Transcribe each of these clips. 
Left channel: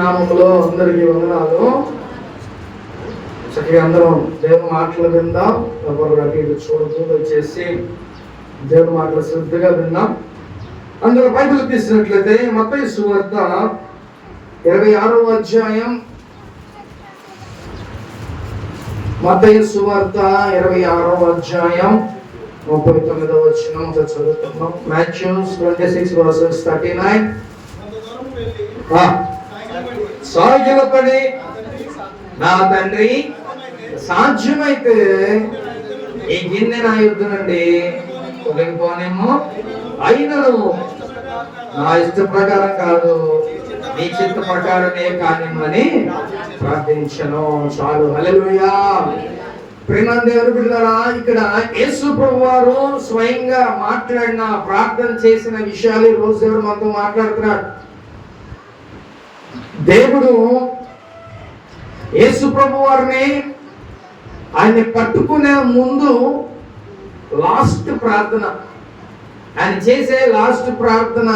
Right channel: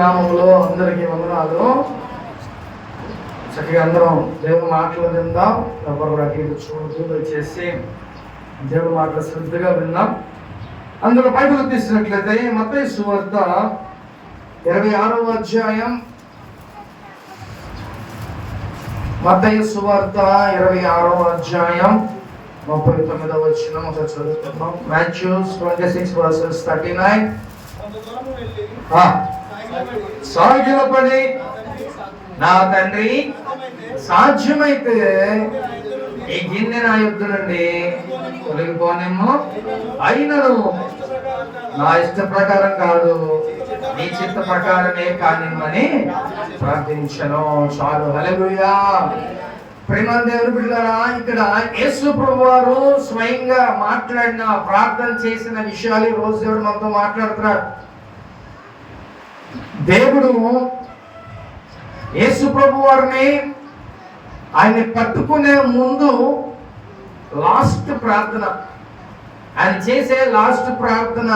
నామములో అందరికీ వందనాలు. చక్కగా అందరం దేవుని మాటలు విందాం. ఎవరు అటు ఇటు చూడదు చేసి దేవుని మాటలు శ్రద్ధగా విందాం. అందులో బైబిల్ తీసినట్లయితే మత్తయి సువార్త 26వ అధ్యాయం, మత్తయి సువార్త 26వ అధ్యాయం 39వ వచనం చదువుతున్నాం. మాథ్యూస్ 26:39. సాగిలపడి నా తండ్రి సాధ్యమైతే ఈ గిన్నె నా యుద్ధ నుండి తొలగిపోనేమో, అయినను నా ఇష్ట ప్రకారం కాదు నీ చిత్త ప్రకారమే కానిమ్మని ప్రార్థించను. చాలు. హల్లెలూయా. ప్రేమ దేవుని బిడ్డలారా, ఇక్కడ యేసు ప్రభువారు స్వయంగా మాట్లాడిన ప్రార్థన చేసిన విషయాలు ఈ రోజు దేవుడు మనతో మాట్లాడుతున్నాడు. దేవుడు యేసు ప్రభు వారిని ఆయన్ని పట్టుకునే ముందు లాస్ట్ ప్రార్థన, ఆయన చేసే లాస్ట్ ప్రార్థన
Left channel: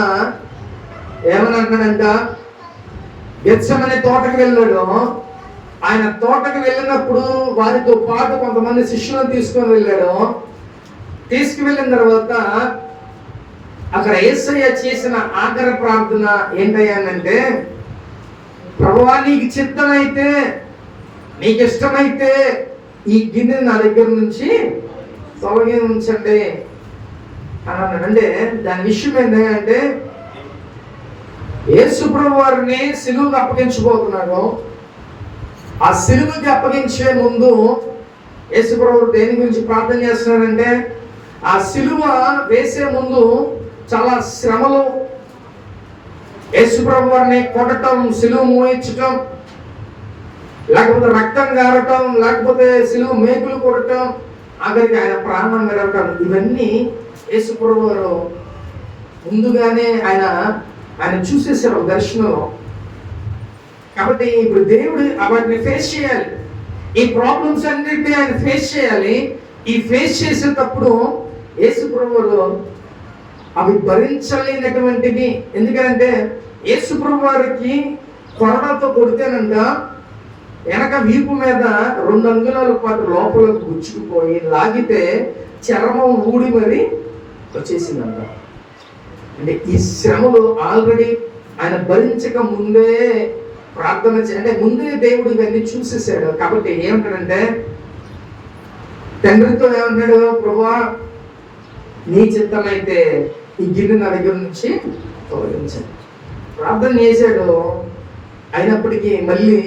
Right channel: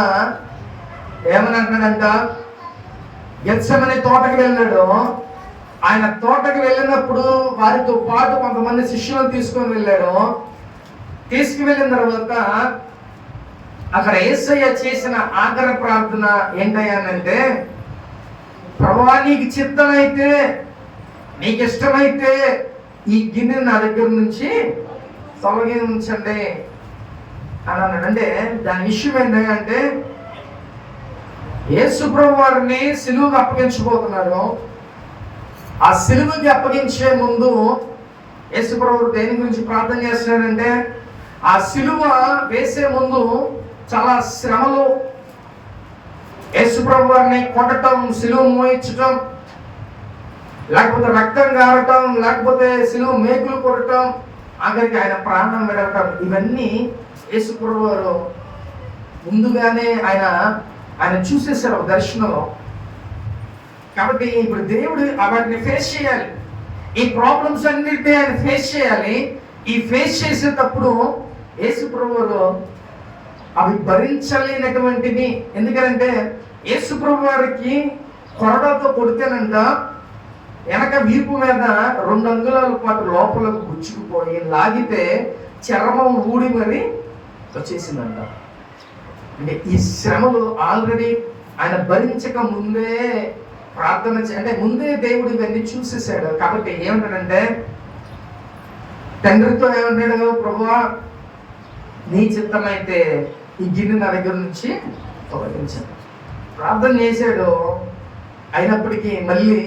ఏమని అంటాడంట, గెత్సెమనే తోటకు వెళ్ళాడు. ఆయన తోటకు వెళ్ళినప్పుడు వారితో పాటు కొంతమంది శిష్యులను తీసుకొని వెళ్ళాడు. తీసుకువెళ్ళిన తర్వాత అక్కడ యేసయ్య చేసిన ఆఖరి ప్రార్థన ఏంటయ్యానంటే, ప్రభువా నీకు చిత్తమైతే, నీకు ఇష్టమైతే ఈ గిన్నె నా దగ్గర నుంచి తొలగించండి అని అన్నాడు. అంటే దాని విషయం ఏంటంటే, యేసు ప్రభు వారిని సిలువకు అప్పగించబోతున్నాడు. ఆ సిలువకి అప్పగించే ముందు యేసు ప్రభు దేని గురించి ప్రార్థన చేస్తున్నాడంటే, ఆ సిలువ వేసే ముందు చాలా శ్రమలు, యేసు ప్రభు వారిని కొట్టడం, సిలువ మోయించటం, లేకపోతే రక్తం గారటం, లేకపోతే సిలువ మేకులు కొట్టడం, ఆఖరికి ఆయన ప్రాణం విడవటం, ఇవన్నీ యేసు ప్రభు వారు ముందుగానే ఆయన చూసేశారు దర్శనంలో. కాబట్టి ఇప్పుడు దేవుడు వాటిని ఫేస్ చేయాలి. ఈ ప్రాబ్లమ్స్ అన్నిటినీ ఆయన ఫేస్ చేయాలి. ఈ ఫేస్ చేసేటప్పుడు యేసు ప్రభు వారు అవి భరించలేనటువంటివి. ఎందుకంటే యేసు ప్రభు వారికి కొరడాతో కొడితేనంట వెనక వీపు మీద 2 అంగుళాల పాటు లోపలకు గుచ్చుకుపోయి లాగితే చర్మం ఊడి మరి వచ్చేసిందంట. అంటే ఈ శ్రమలు ఆల్రెడీ ఆయన భరించక ముందే ప్రార్థన అంటే ముందే దేవుడు ఇవన్నీ చూసేసాడు. కాబట్టి ఏమంటాడంటే, తండ్రితో ఏమన్నాడు, ప్రభువా నీ చిత్తమైతే ఈ గిన్నె నా దగ్గర నుంచి తొలగించండి ప్రార్థన చేశాడు. అయినప్పటికీ మళ్ళీ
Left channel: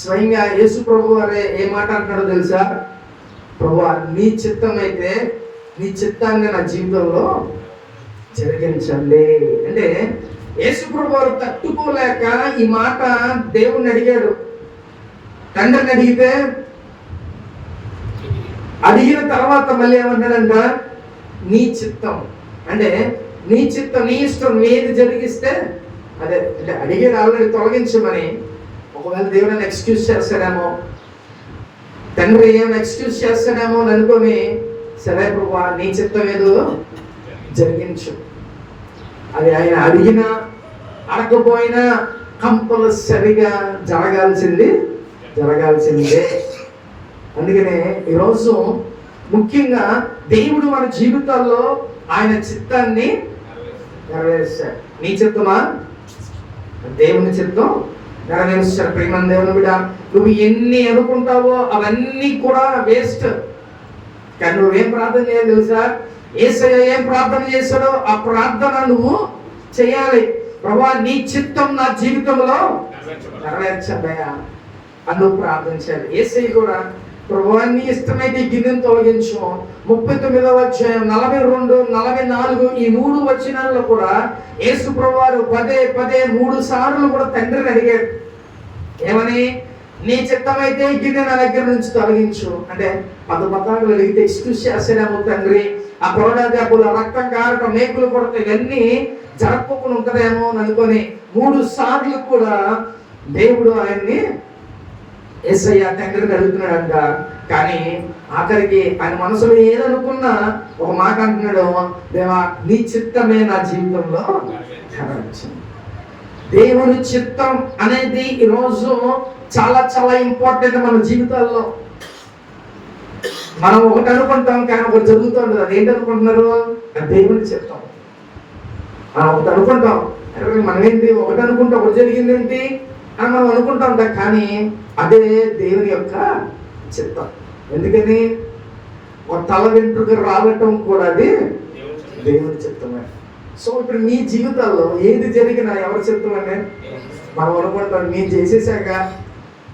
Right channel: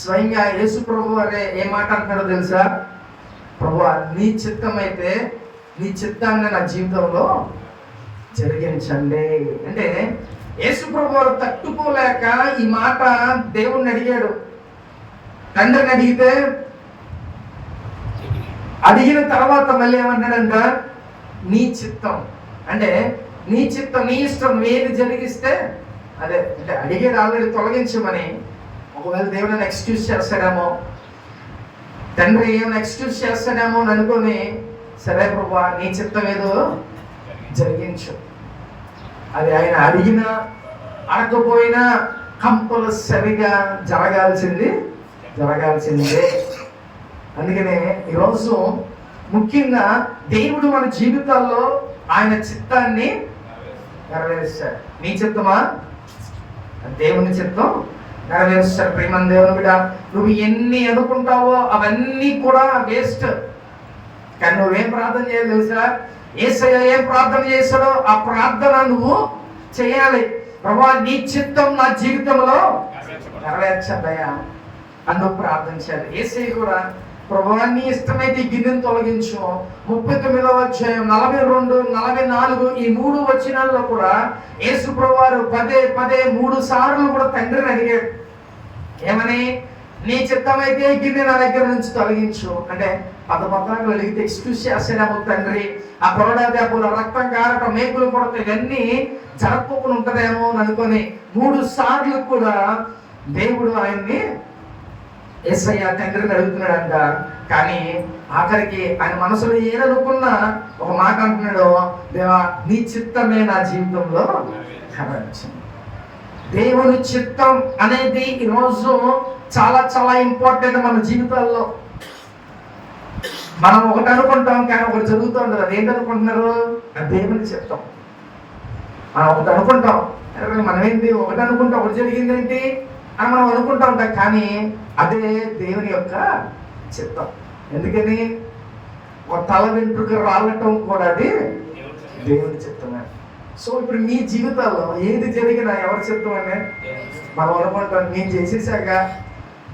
స్వయంగా యేసు ప్రభు వారే ఏ మాట అంటున్నాడో తెలుసా, ప్రభువా నీ చిత్తమైతే నీ చిత్తాన్ని నా జీవితంలో జరిగించండి. అంటే యేసు ప్రభు వారు తట్టుకోలేక ఈ మాట దేవుణ్ణి అడిగాడు. తండ్రిని అడిగిన తర్వాత మళ్ళీ ఏమన్నాడంట, నీ చిత్తం అంటే నీ చిత్తం, నీ ఇష్టం, నువ్వు ఏది జరిగిస్తే అదే. అంటే అడిగాడు ఆల్రెడీ తొలగించమని. ఒకవేళ దేవుడిని ఎక్స్క్యూజ్ చేస్తాడేమో, తండ్రి ఏమైనా ఎక్స్క్యూజ్ చేస్తాడేమో అని అనుకొని, సరే ప్రభువా నీ చిత్తం ఏదో జరిగించు. అది ఆయన అడిగినా అడగపోయినా కంపల్సరిగా జరగాల్సిందే. అందుకనే ఈరోజు ముఖ్యంగా దేవుడు మన జీవితాల్లో ఆయన చిత్తాన్ని నెరవేరుస్తాడు. నీ చిత్తమా, దేవుని చిత్తం నెరవేరుస్తాడు. ప్రేమ దేవుని బిడ్డ, నువ్వు ఎన్ని అనుకుంటావో అవన్నీ కూడా వేస్ట్. కానీ నువ్వేం ప్రార్థన చేయాలి తెలుసా, యేసయ్య ఏం ప్రార్థన చేశాడో ఆ ప్రార్థన నువ్వు చేయాలి. ప్రభువా నీ చిత్తం నా జీవితంలో నెరవేర్చదయా అని నువ్వు ప్రార్థన చేయాలి. యేసయ్య కూడా ప్రభువా నీ ఇష్టమైతే గిన్నెను తొలగించు. 39వ అధ్యాయం 42, 44 ఈ 3 వచనాల్లో కూడా యేసు ప్రభువారు పదే 3 సార్లు కూడా తండ్రిని అడిగాడు. ఏమని, నీ చిత్తమైతే గిన్నె నా దగ్గర నుంచి తొలగించు. అంటే పదపదాలు అడిగితే ఎక్స్క్యూజ్ చేస్తాడేమో తండ్రి, ఆ కొరడా దెబ్బలు, రక్తం కారటం, మేకులు కొడతాం, ఇవన్నీ జరగకుండా ఉంటుందేమో అని అనుకొని 3 సార్లు కూడా దేవుడు ఆయన్ని యేసయ్య తండ్రిని అడుగుతున్నాడంట. కానీ ఆఖరికి ఆయన మనసులో ఏదనుకున్నా ఒక మాట అంటున్నాడు, దేవా నీ చిత్తమే నా జీవితంలో నెరవేర్చు. దేవుని చిత్తం అనేది ఈరోజు చాలా చాలా ఇంపార్టెంట్ మన జీవితాల్లో. మనం ఒకటి అనుకుంటాం కానీ ఒకటి జరుగుతుంది. అది ఏంటనుకుంటున్నారు? దేవుని చిత్తం. మనం ఒకటి అనుకుంటాం, మనం ఏంటి ఒకటి అనుకుంటాం, ఒకటి జరిగిందేంటి అని మనం అనుకుంటా ఉంటాం, కానీ అదే దేవుని యొక్క చిత్తం. ఎందుకని ఒక తల వెంట్రుక రావటం కూడా అది దేవుని చిత్తమే. సో ఇప్పుడు మీ జీవితాల్లో ఏది జరిగినా ఎవరి చిత్తం అంటే మనం అనుకుంటాం, నేను చేసేసాక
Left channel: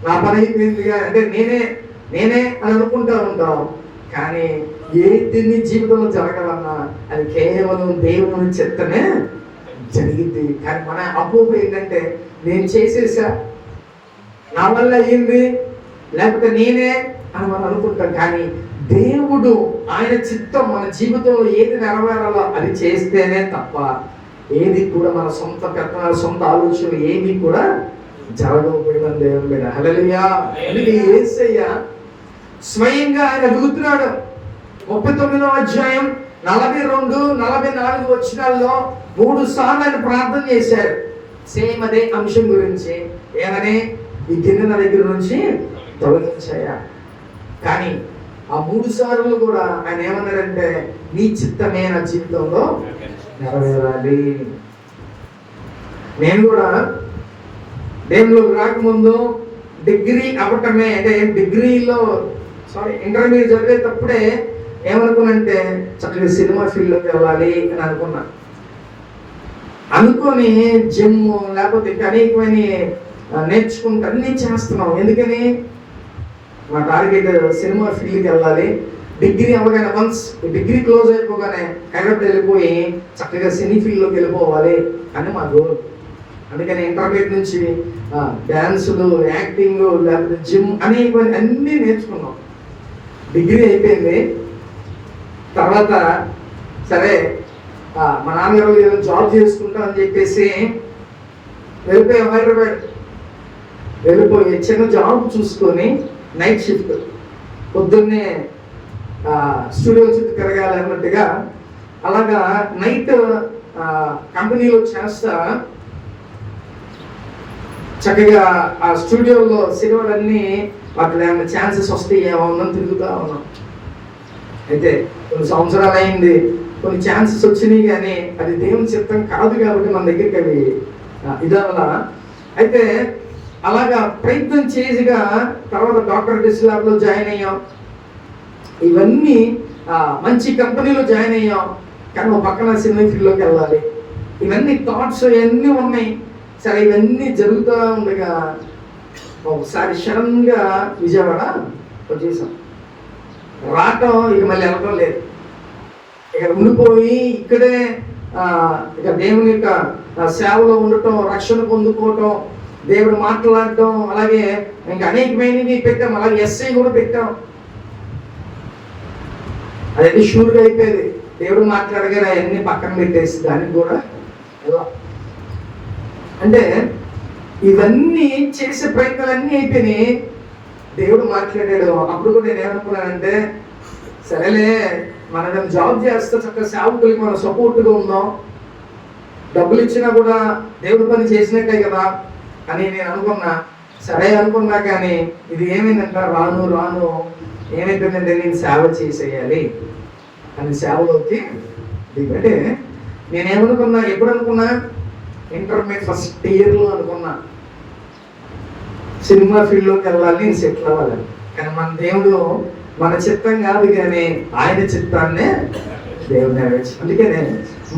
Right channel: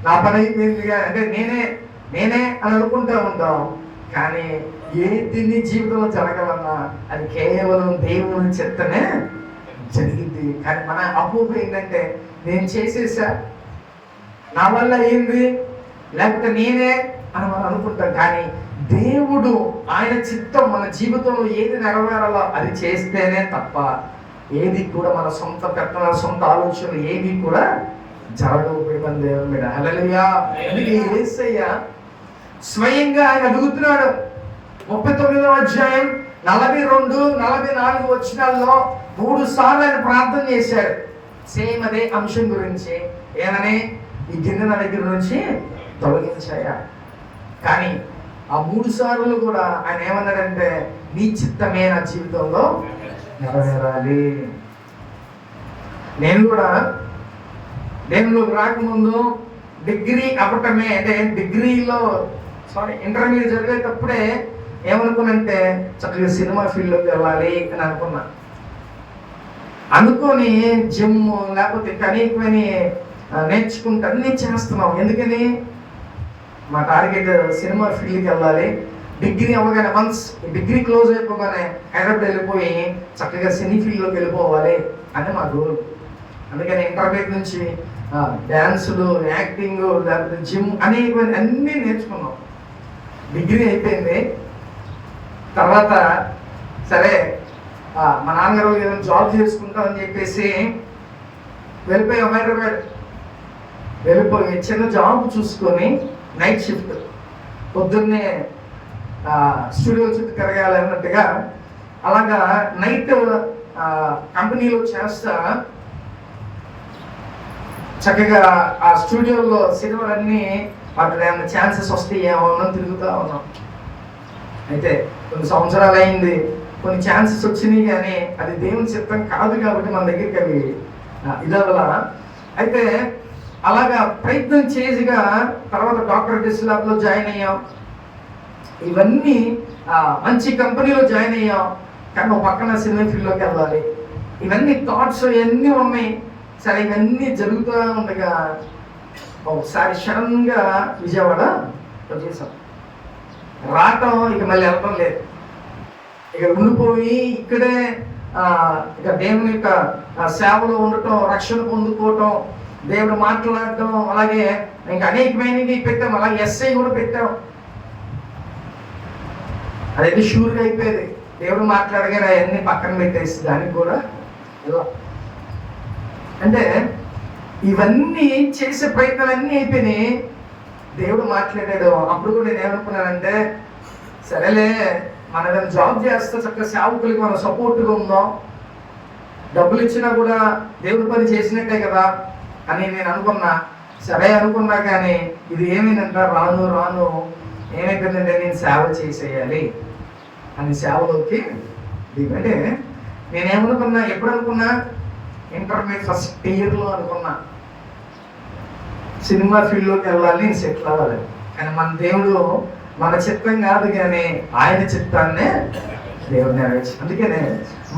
నా పని అయిపోయిందిగా, అంటే నేనే అని అనుకుంటా ఉంటాం. కానీ ఏది నీ జీవితంలో జరగాలన్నా అది కేవలం దేవుని చిత్తమే జరిగింది. కానీ మన అపోహ ఏంటంటే నేను చేసేసా, నా వల్ల అయ్యింది, లేకపోతే నేనే అని మనం అనుకుంటాం. కానీ దేవుడు ఆయన చిత్తం మన జీవితంలో ఏది నెరవేరాలో అది చేస్తేనే తప్ప ఏది కూడా మన సొంత పెత్తనాలు, సొంత ఆలోచనలు ఏవి కూడా జరగకపోయిన దేవుడు. హల్లెలూయా. అందుకే యేసయ్య స్వయంగా ఆయన అడుగుతున్నాడు. 39వ అధ్యాయం 42, 44 వచనాల్లో 3 సార్లు ఆయన ప్రార్థన చేశాడు. సేమ్ అదే అంశం గురించి. ఏమని? ఈ గిన్నె నా దగ్గర నుంచి తొలగించాయా. కానీ ఆ 3 సార్లు కూడా ఆయన ఏమన్నాడంటే నీ చిత్తమే నా జీవితంలో నెరవేరాలి. నేను కూడా దేవుళ్ళకి రాకముందు డిగ్రీ అవ్వటమే, అంటే ఇంటర్మీడియట్ జరిగేటప్పుడే ఏమనుకున్నంటే చక్కగా సినిమా ఫీల్డ్లోకి వెళ్ళాలి అని అనుకొని జిమ్ లేకపోతే ఇంకా అనేకమైన నేర్చుకుంటా అన్నీ చేస్తున్నాం. ఎందుకని మా టార్గెట్ సినిమా ఫీల్డ్కి వెళ్ళాలి. డిగ్రీ అవ్వగానే వన్స్ డిగ్రీ క్లోజ్ అయిపోగానే హైదరాబాద్ వెళ్ళిపోయి చక్కగా సినీ ఫీల్డ్లోకి వెళ్ళిపోవాలి అని మా గోల్. అందుకని ఇంటర్మీడియట్ నుంచి డ్యాన్సులు, యాక్టింగ్, లేకపోతే జిమ్ అన్నీ నేర్చుకున్నాం. డిగ్రీ అయిపోయింది. తర్వాత సరే మా నాన్నగారు ఏదైనా జాబ్ చేసుకుంటాం అని చెప్పేసి వెళ్ళిపోయాం హైదరాబాద్. వెళ్ళిపోయి చిన్న జాబ్ చూసుకొని నైట్ షిఫ్ట్, పొద్దున్నే స్టూడియో చుట్టూ తిరగాలన్నట్టుగా అలాగా నైట్ కంపెనీలో చేస్తా చక్కగా ఆ స్టూడియోలో సినిమాలన్నీ వాటిలో ఏమైనా ఛాన్సెస్ వస్తాయేమో అని తిరుగుతూ ఉన్నాం. అయితే కొన్ని సంవత్సరాలు అయింది, కొన్ని ఛాన్సెస్ వచ్చినాయి, కానీ అది దేవుని చిత్తం కాదు కాబట్టి మన దగ్గరికి అవి ఇదవలా. అయితే అలాగా ప్రయత్నం చేసిగా తర్వాత డాక్టర్ డిస్లాబ్లో జాయిన్ అయ్యాం. ఇవన్నీ మంచి కంపెనీలో జాయిన్ అయ్యాం. కానీ ఒక పక్కన సినిమా ఫీల్డ్లోకి వెళ్ళాలి, ఇవన్నీ థాట్స్ ఇవన్నీ ఉన్నాయి. సరే ఇవన్నీ జరుగుతూ ఉండగా ఒకసారి సడన్గా విజయవాడ వచ్చేసాం. రావటం ఇక మళ్ళీ వెళ్ళటం లేదు, ఇక ఉండిపోయి ఇక్కడే ఇక దేవుని యొక్క సేవలో ఉండటం, రక్షణ పొందుకోవటం, దేవుడు మాట్లాడటం, అలాగే ఇంకా అనేకమైనవి పెట్టాం. అలాగే ఎస్ఐ కూడా పెట్టాం. అదైతే షూర్గా అయిపోయేది. దేవుడు మాట్లాడగానే అవన్నీ పక్కన పెట్టేసి దానికి కూడా ఎలా అంటే ఇవన్నీ చేసే ప్రయత్నాలన్నీ అయిపోయినాయి. దేవుడు మాట్లాడాడు. అప్పుడు కూడా నేను ఏమనుకున్నానంటే సరేలే మన ఏదైనా జాబ్ చేస్తే చక్కగా సేవకులకి మనం సపోర్ట్గా ఉందాం, డబ్బులు ఇచ్చినా కూడా దేవుడి పని చేసినట్టే కదా అని నేను అనుకున్నా. సరే అనుకున్నా, కానీ ఇది ఏమైందంట రాను ఏమైపోయిందంటే నేను సేవ చేసేయాలి అని సేవలోకి. అంటే నేనేమనుకున్నా, ఎప్పుడు అనుకున్నా, ఇంటర్మీడియట్ ఫస్ట్ ఇయర్లో అనుకున్నా సినిమా ఫీల్డ్లోకి వెళ్ళాలి, సెటిల్ అవ్వాలి. కానీ మన దేవుడు మన చిత్తం కాదు, కానీ ఆయన చిత్తాన్నే దేవుడు నెరవేర్చి. అందుకనే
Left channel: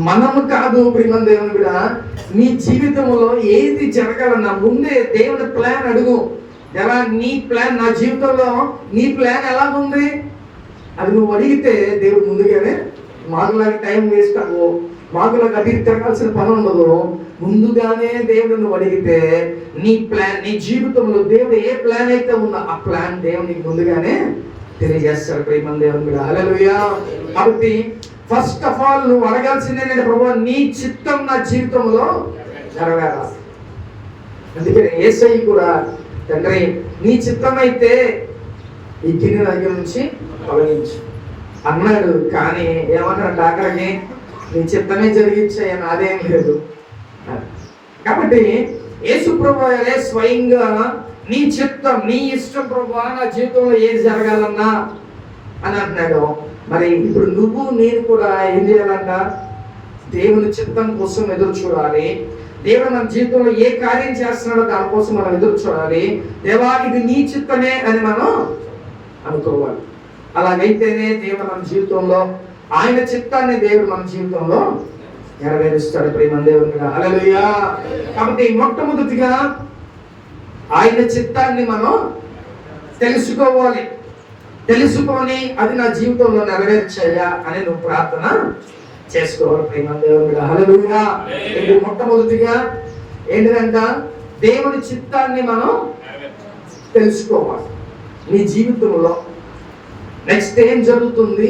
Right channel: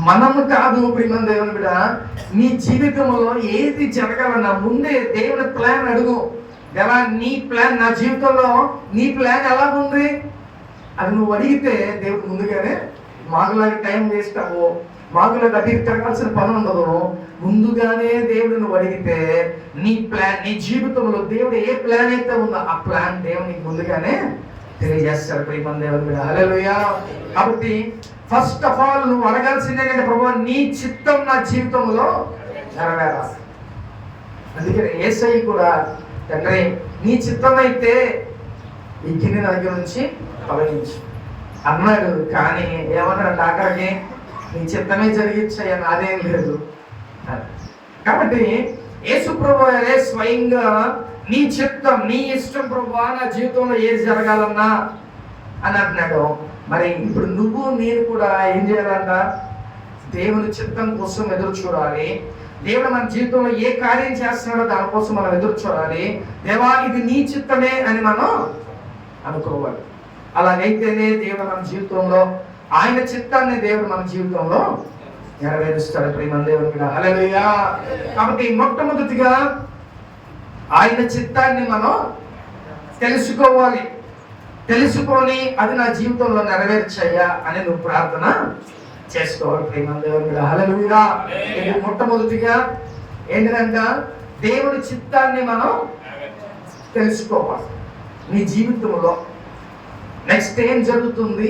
మనము కాదు ప్రియమైన దేవుని కూడా నీ జీవితంలో ఏది జరగాలన్నా ముందే దేవుని ప్లాన్ అడుగు. ఎలా నీ ప్లాన్, నా జీవితంలో నీ ప్లాన్ ఎలా ఉంది అది నువ్వు అడిగితే దేవుడు ముందుగానే, మాకులాగా టైం వేస్ట్ అవ్వు, మాకులాగా అటు తిరగాల్సిన పని ఉండదు. ముందుగానే దేవుడు నువ్వు అడిగితే నీ ప్లాన్, నీ జీవితంలో దేవుడు ఏ ప్లాన్ అయితే ఉందో ఆ ప్లాన్ దేవుడు నీకు ముందుగానే తెలియజేస్తాడు. ప్రియమైన దేవుని కూడా హల్లెలూయా. కాబట్టి ఫస్ట్ ఆఫ్ ఆల్ నువ్వు అడగాల్సిందే కదా, ప్రభువా నీ చిత్తం నా జీవితంలో నెరవేరాలి. అందుకని యేసయ్య కూడా తండ్రి నీ చిత్తం అయితే ఈ గిన్నె దగ్గర నుంచి తొలగించు అన్నాడు. కానీ ఏమన్నాడు డాక్టర్కి, నీ చిత్తమే జరిగించాయని అదేం లేదు. కాబట్టి యేసు ప్రభువే స్వయంగా నీ చిత్తం, నీ ఇష్టం ప్రభువా, నా జీవితంలో ఏది జరగాలన్నా అని అంటున్నాడు. మరి ఇప్పుడు నువ్వు నేను కూడా ఏం చేయాలంట? దేవుని చిత్తం కోసం ఎదురు చూడాలి. దేవుడు మన జీవితంలో ఏ కార్యం చేస్తున్నాడో దానికోసం మనం ఎదురు చూడాలి. దేవా ఇది నీ చిత్తమే అని మనం అనుకోవాలి. అలాగైతేనే దేవుడు మన జీవితంలో, ఆయన చిత్తాన్ని దేవుడు మన జీవితంలో నెరవేరుస్తాడు. ప్రేమ దేవుని మీద హల్లెలూయా. కాబట్టి మొట్టమొదటిగా ఆయన చిత్తాన్ని మనం తెలుసుకోవాలి. తెలుసుకొని అది నా జీవితంలో నెరవేర్చయ్యా అని నువ్వు ప్రార్థన చేసుకోవాలి. ప్రేమ దేవుని మీద హల్లెలూయా. ఇది మొట్టమొదటిగా ఏంటిదంట? దేవుని చిత్తాన్ని మనం తెలుసుకోవాలి నీ జీవితంలో. నెక్స్ట్ ఏం జరుగుతుంది,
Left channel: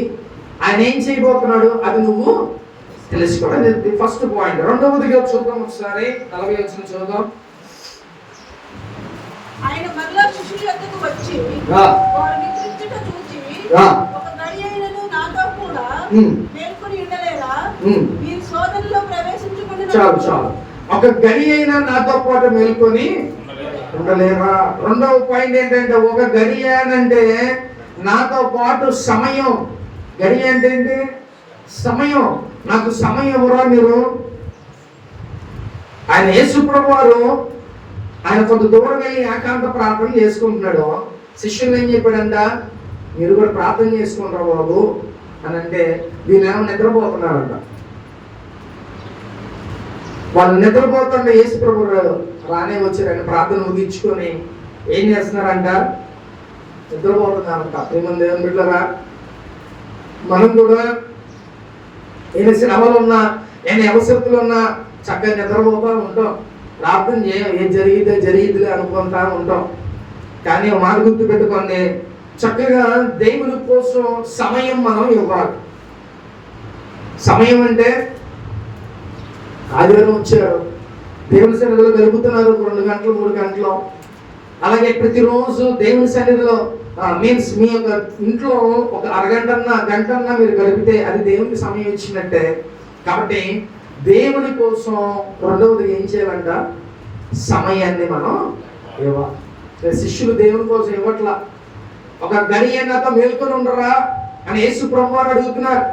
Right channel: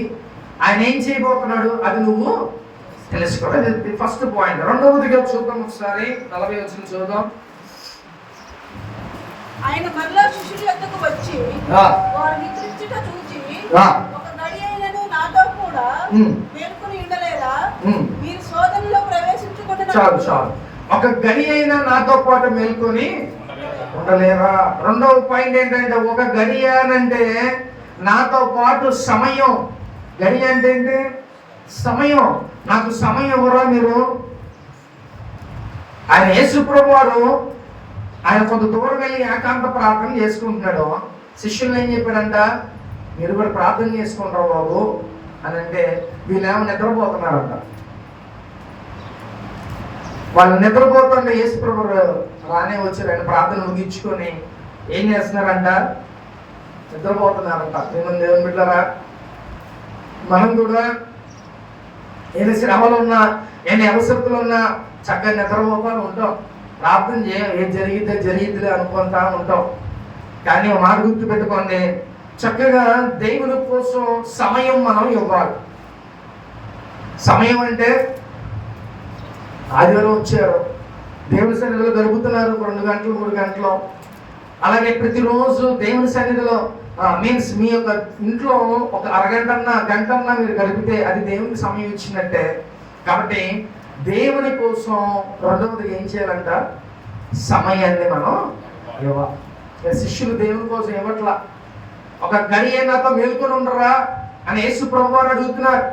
ఆయన ఏం చేయబోతున్నాడు, అది నువ్వు తెలుసుకోవాలి. First point. రెండవదిగా చూద్దాం ఒకసారి 40 వచనం చూద్దాం. ఆయన మరలా శిష్యుల యొద్దకు వచ్చి వారు నిద్రించుట చూచి, ఒక గడియైనను నాతో కూడా మేల్కొని ఉండలేరా? మీరు శోధనలో ప్రవేశించుకున్న చాలు. ఒక గడి అయినా నాతో పాటు మేల్కొని ఉండలేరా? రెండవ పాయింట్ ఏంటంటే, ఒక గడి అంటే నాతో పాటు సమయం. గడి అంటే ఏంటి? సమయం. నాకు సమయం ఎవరా మీరు? ఆయన యేసు ప్రభువారు ఆయన కొంత దూరం వెళ్ళి ఏకాంత ప్రార్థన చేసుకుంటున్నాడు. శిష్యులు ఏం చెప్పాడంట? మీరు కూడా ప్రార్థన చేసుకుంటారు బాబు అని అంటే, వీళ్ళేమో నిద్రపోతున్నారంట. వాళ్ళు నిద్రపోతుంటే యేసు ప్రభు రానే వచ్చారు. ఆయన ప్రార్థన ముగించుకొని ఏం చేస్తున్నారంట? నిద్రపోతున్నారంట. ఏమన్నా దేవుని బిడ్డలారా, మనం కూడా ఎన్ని శ్రమలు ఉన్నా, ఎన్ని అవసరతలు ఉన్నా చక్కగా నిద్రపోతా ఉంటాం. ప్రార్థన ఏం జరిగిద్దిలే అనుకుంటా ఉంటాం. కానీ మాట గుర్తు పెట్టుకోండి, చక్కగా దేవుని కోసం సమయం మనం ఇవ్వాలి. సమయం అంటే ఆదివారం వచ్చారు, దేవుని సన్నిధిలో గడుపుతున్నారు 2 గంటలు 3 గంటలు. అలాగే ప్రతిరోజు దేవుని సన్నిధిలో మీన్స్ మీ యొక్క ఇంట్లో ఒక అరగంటన్నా గంటన్నా మీరు గడిపితే అది దేవునికి సమయం ఇచ్చినట్టే. కాబట్టి దేవుని కోసం రెండవదిగా ఏం చేయాలంట? సమయాన్ని మనం ఇవ్వాలి. శిష్యులు దేవుని కోసం ఇవ్వట్లా. ఒక గడి అయినాతో మేల్కొని ఉండరా అని యేసు ప్రభువారు అడుగుతున్నారు.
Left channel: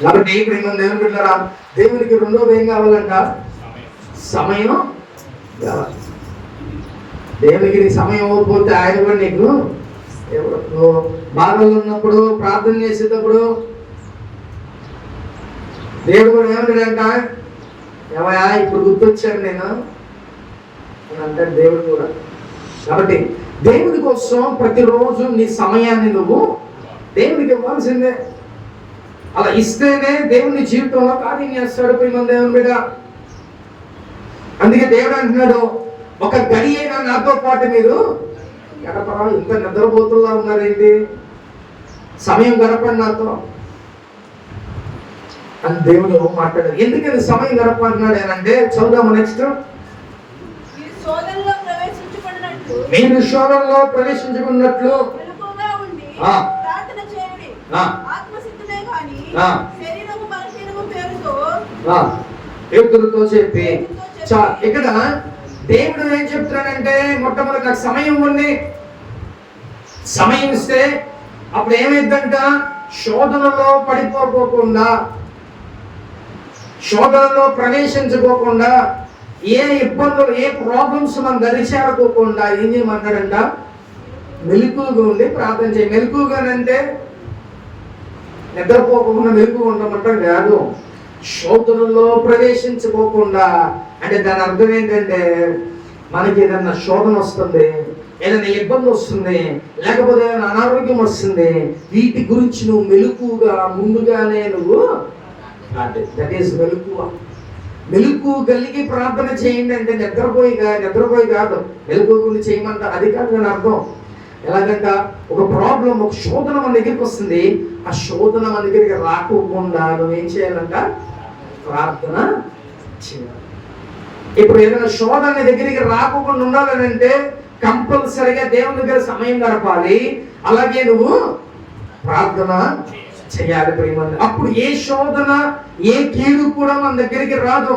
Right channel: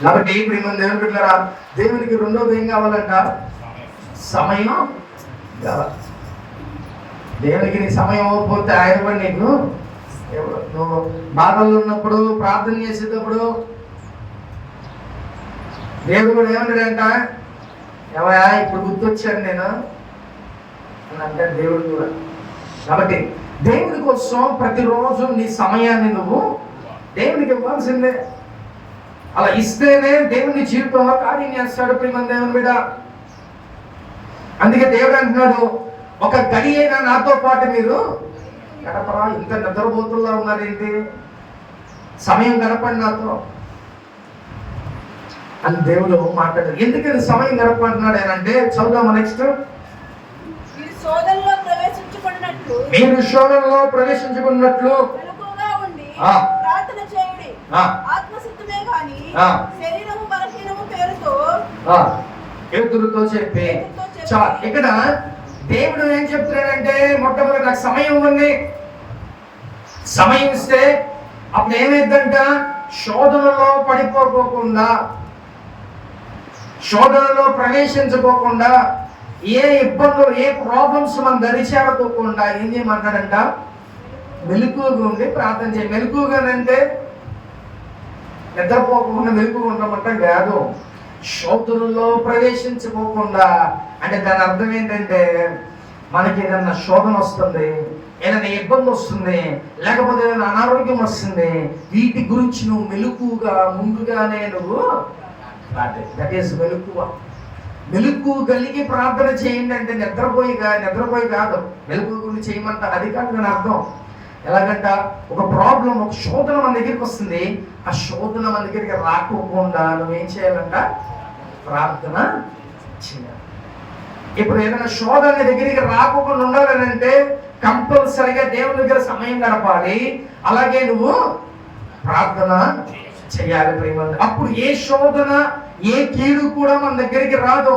కాబట్టి ప్రేమ దేవుని బిడ్డలారా, దేవునికి రెండోది ఏం కావాలంట? సమయం కావాలి. దేవునికి నీ సమయం ఇవ్వకపోతే ఆయన కూడా నీకు నువ్వు బాధల్లో ఉన్నప్పుడు ప్రార్థన చేసేటప్పుడు దేవుడు కూడా ఏమంటాడంట? ఏమయ్యా ఇప్పుడు గుర్తొచ్చాను నేను అని అంటాడు దేవుడు కూడా. కాబట్టి దేవుని కోసం ప్రతిరోజు నీ సమయాన్ని నువ్వు దేవునికి ఇవ్వాల్సిందే. అలా ఇస్తేనే దేవుని జీవితంలో కార్యం చేస్తాడు. ప్రేమ దేవుని మీద. అందుకే దేవుడు అంటున్నాడు, ఒక గడి అయినా నాతో పాటు మీరు గడపరా? ఇంత నిద్రపోతుల్లా ఉన్నారేంటి? సమయం గడపండి నాతో అని దేవుడు మాట్లాడారు. ఎందుకని సమయం గడపంటున్నాడు అని అంటే, చదువుదాము నెక్స్ట్. మీరు శోధనలో ప్రవేశించుకున్నట్లు ఎదురుతో చెప్పి ఇక్కడ దేవుడు ఏం చెప్తున్నాడంటే, మొట్టమొదటి నాకు సమయం ఉంది. సమయం ఇస్తే అప్పుడు ఏమైందంట? శోధనలో పడిపోకుండా, శోధనలో ప్రవేశించుకోకుండా, ఏ ఇబ్బందులు ఏ ప్రాబ్లమ్స్ మనం దరిచేరుకోకుండా ఏం చేయమంటాడంట? మెలకువగా ఉండి ప్రార్థన చేయి. మెలకువగానంటే నిద్రపోకుండా మెలకువగా ఉండమంటాం కాదు. శోధనలో ప్రవేశించుకోకుండా అంటే దాని అర్థం ఏంటంటే, మనకి ఏదైనా శోధన వస్తుంది, ఏదైనా ఇబ్బంది వస్తుంది, లేకపోతే ఏదైనా అనారోగ్యం వస్తుంది, వీటి గురించి నువ్వు మెలకువగా ముందుగానే నువ్వు దట్ ఈస్ మెలకువ. మెలుకు కలిగి ప్రార్థన చేయండి అంటే నిద్రపోయి కాదు, మెలుకు గురించి చేయమంట అది కాదు అని అర్థం. ఎలాగంట, ఒక ప్రాబ్లం, ఒక శోధన మన దగ్గరికి వస్తుంది, ఆ శోధన మన దగ్గరికి రాకోకుండా నువ్వేం చేయాలంట? ప్రార్థన చేయాలి. ఇప్పుడు ఏదైనా శోధన దగ్గరికి రాకుండా ఉండాలని అంటే కంపల్సరిగా దేవుని దగ్గర సమయం గడపాలి. అలాగే నువ్వు ప్రార్థన చేయాలి ప్రేమ. అప్పుడు ఏ శోధన ఏ కీడు కూడా మన దగ్గరికి రాదు.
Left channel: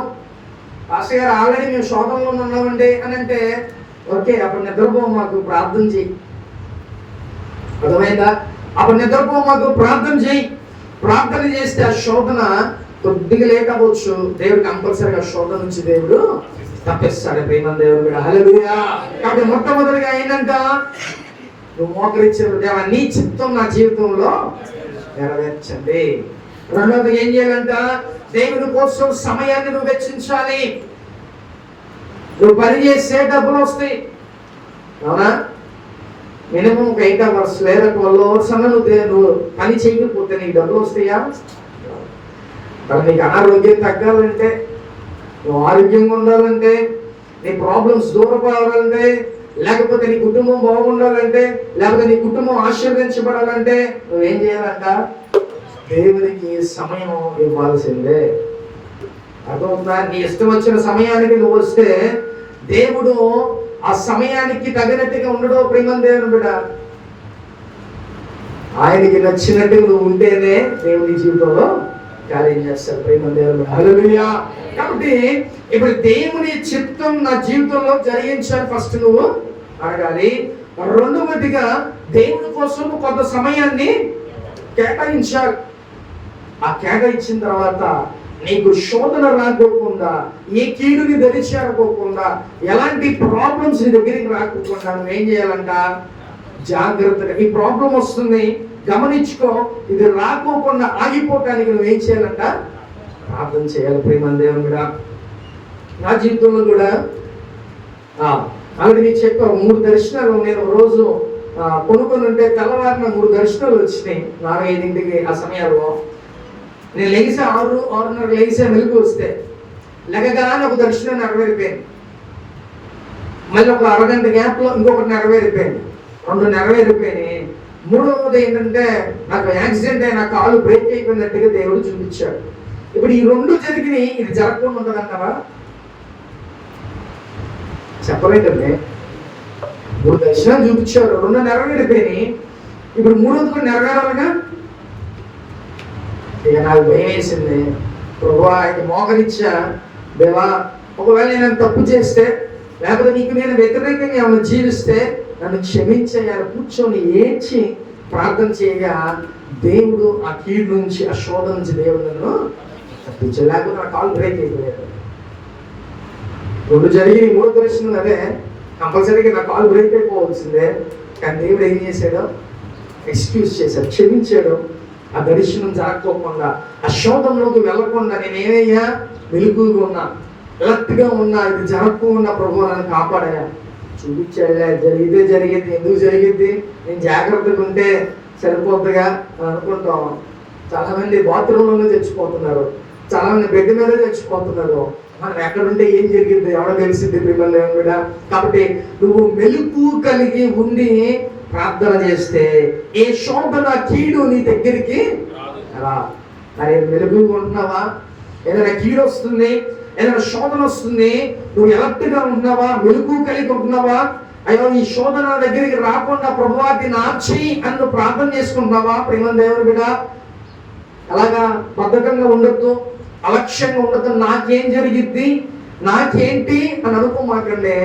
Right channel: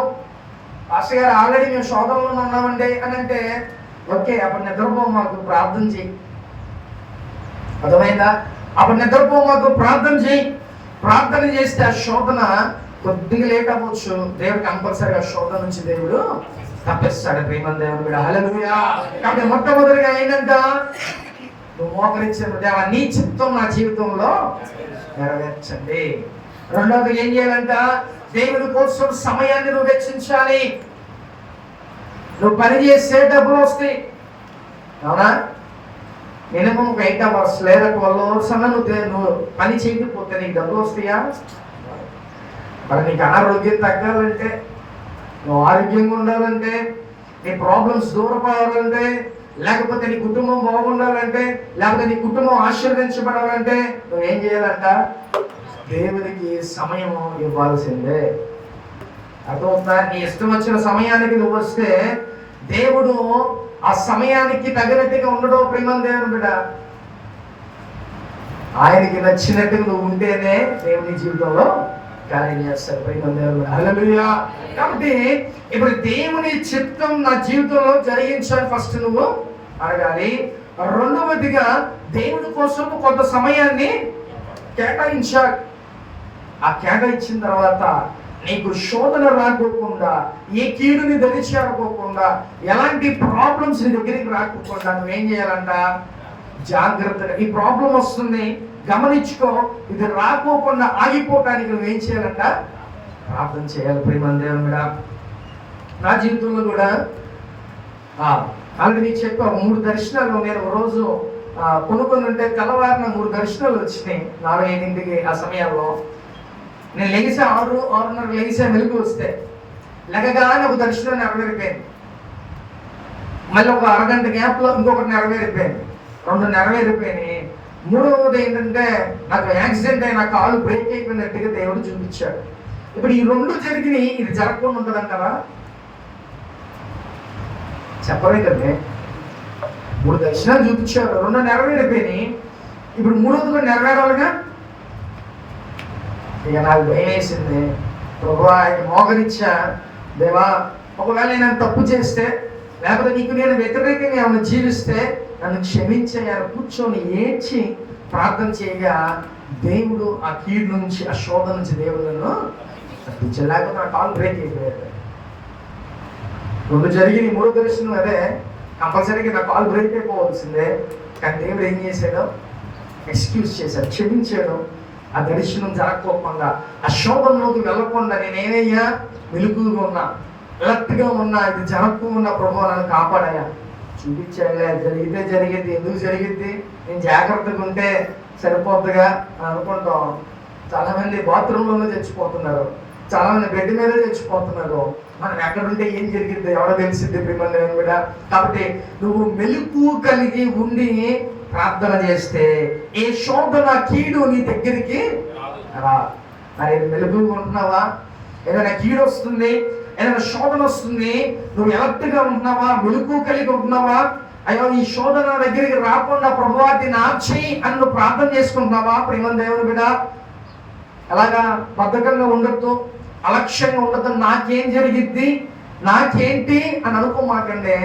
పాస్టర్ గారు ఆల్రెడీ మేము శోధనలో ఉన్నామండి అని అంటే, ఓకే అప్పుడు నిద్రపో, మాకు ప్రార్థన చేయి. అర్థమైందా? అప్పుడు నిద్రపో, మాకు ప్రార్థన చేయి. ప్రార్థన చేస్తే ఆ శోధన కొద్దిగా లేట్ అవ్వచ్చు, దేవుడు కంపల్సరీగా శోధన నుంచి దేవుడు తప్పిస్తాడు. ప్రేమ దేవుడు కూడా హల్లెలూయా. కాబట్టి మొట్టమొదటిగా ఏంటంట, నువ్వు మోకరించే దేవా నీ చిత్తం నా జీవితంలో నెరవేర్చండి. రెండవది ఏం చేయాలంట, దేవుని కోసం సమయాన్ని నువ్వు వెచ్చించాలి. నువ్వు పని చేస్తే డబ్బులు వస్తాయి, అవునా? మినిమం ఒక 8 hours లేదా 12 hours అన్నా నువ్వు పని చేయకపోతే నీకు డబ్బులు వస్తాయా? మరి నీకు అనారోగ్యం తగ్గాలంటే, నువ్వు ఆరోగ్యంగా ఉండాలంటే, నీ ప్రాబ్లమ్స్ దూరపోవాలంటే, లేకపోతే నీ కుటుంబం బాగుండాలంటే, లేకపోతే నీ కుటుంబం ఆశీర్వదించబడాలంటే నువ్వేం చేయాలంట, దేవునికి సమయం ఇవ్వాల్సిందే. అర్థమవుతుందా? నీ ఇష్టం వచ్చిన సమయానికి నువ్వు వస్తే దేవుడు ఆ సమయానికి తగినట్టుగా ఉండడం. ప్రేమ దేవుని బిడ్డ, ఆయనకి నచ్చినట్టు నువ్వు ఉంటేనే దేవుని జీవితంలో కార్యం చేస్తారు. ప్రేమ దేవుని బిడ్డ హల్లెలూయా. కాబట్టి ఇప్పుడు దేవుని చిత్తం నా జీవితంలో జరిగించాలి ఫస్ట్ నువ్వు అడగాలి. రెండవదిగా దేవుని కోసం కొంత సమయాన్ని కేటాయించాలి. ఆ కేటాయించిన తర్వాత నీకు శోధన రాకోకుండా, ఏ కీడుని దరిచేరకోకుండా, ఎలాంటి ప్రాబ్లమ్స్ నీ దగ్గరికి రాకోకుండా నువ్వేం చేయాలంట, జాగ్రత్తగా ఈ ప్రాబ్లం వస్తుంది గమనించుకో, ఇది రాకోకుండా ఆగిపోవటానికి నువ్వేం చేయాలంట, ప్రార్థన చేయాలి. ప్రేమ దేవుని మీద నా జీవితంలో కూడా అలాగే నీకు చెప్పా, 3 దర్శనాలు నేను రోజు కొనుక్కొని ఉంటే తెల్లవారిన 3 దర్శనాలు వచ్చినాయి 4-5ంటికి. ఆ సమయాల్లో నేను లెగిసే 6-6:30 లెగిసే మెలకు వస్తే లెగగానే ఒక దర్శనం నెరవేరిపోయింది. మళ్ళీ ఒక అరగంట గ్యాప్లో ఇంకొకటి నెరవేరిపోయింది, 2 నెరవేరిపోయినాయి. మూడవది ఏంటంటే నాకు యాక్సిడెంట్ అయి నా కాలు బ్రేక్ అయిపోయినట్టుగా దేవుడు చూపించాడు. ఇప్పుడు ఈ 2 జరిగినాయి, ఇది జరగకుండా ఉంటుందంటారా? చెప్పలేదండి. 3 దర్శనాలు చూపించారు, 2 నెరవేరిపోయినాయి. ఇప్పుడు 3వది కూడా నెరవేరాలిగా. ఇక నాకు భయం వేసింది. ప్రభువా ఆయన మోకరించా, దేవా ఒకవేళ నేను తప్పు చేస్తే, లేకపోతే నీకు నేను వ్యతిరేకంగా ఏమైనా జీవిస్తే నన్ను క్షమించేయాలి. కూర్చొని ఏడ్చి ప్రార్థన చేయగా దేవుడు ఆ కీడు నుంచి, ఆ శోధన నుంచి దేవుడు నన్ను తప్పించాడు. లేకపోతే నా కాలు బ్రేక్ అయిపోయాడు. 2 జరిగి 3వ దర్శనం అదే, కంపల్సరీగా నా కాలు బ్రేక్ అయిపోవాల్సిందే. కానీ దేవుడు ఏం చేశాడు, ఎక్స్క్యూజ్ చేశాడు, క్షమించాడు. ఆ దర్శనం జరగకోకుండా, ఆ శోధంలోకి వెళ్ళకుండా నేనేమయ్యా, వెలుగుగా ఉన్నా, అలర్ట్గా ఉన్నా, ఇది జరగకుండా ప్రభు నన్ను కాపాడాయా. చూపించాడులే, జరిగితే జరిగింది, ఎందుకు జరిగింది, నేను జాగ్రత్తగా ఉంటే సరిపోతుందిగా అని అనుకుంటాం. చాలామంది బాత్రూంలోనే తెచ్చిపోతున్నారు, చాలామంది బెడ్ మీద తెచ్చిపోతున్నారు. మనం ఎక్కడుంటే ఏం జరిగింది ఎవడో తెలిసింది ప్రేమలో కూడా. కాబట్టి నువ్వు మెలుకు కలిగి ఉండి ప్రార్థన చేస్తే ఏ శోధన కీడు నీ దగ్గరికి రా. మరి మెలుగు ఉంటున్నావా? ఏదైనా కీడు వస్తుంది, ఏదైనా శోధన వస్తుంది, నువ్వు ఎలర్ట్గా ఉంటున్నావా, మెలుగు కలిగి ఉంటున్నావా? అయ్యో ఈ శోధన దగ్గరికి రాకుండా ప్రభువా దీన్ని ఆర్చేయి అని నువ్వు ప్రార్థన చేసుకుంటున్నావా? ప్రేమ దేవుని బిడ్డ, అలాగా బద్ధకంగా ఉండొద్దు, అలక్ష్యంగా ఉండొద్దు. నాకేం జరిగిద్ది, నాకేంటి అని అనుకోమాకండి.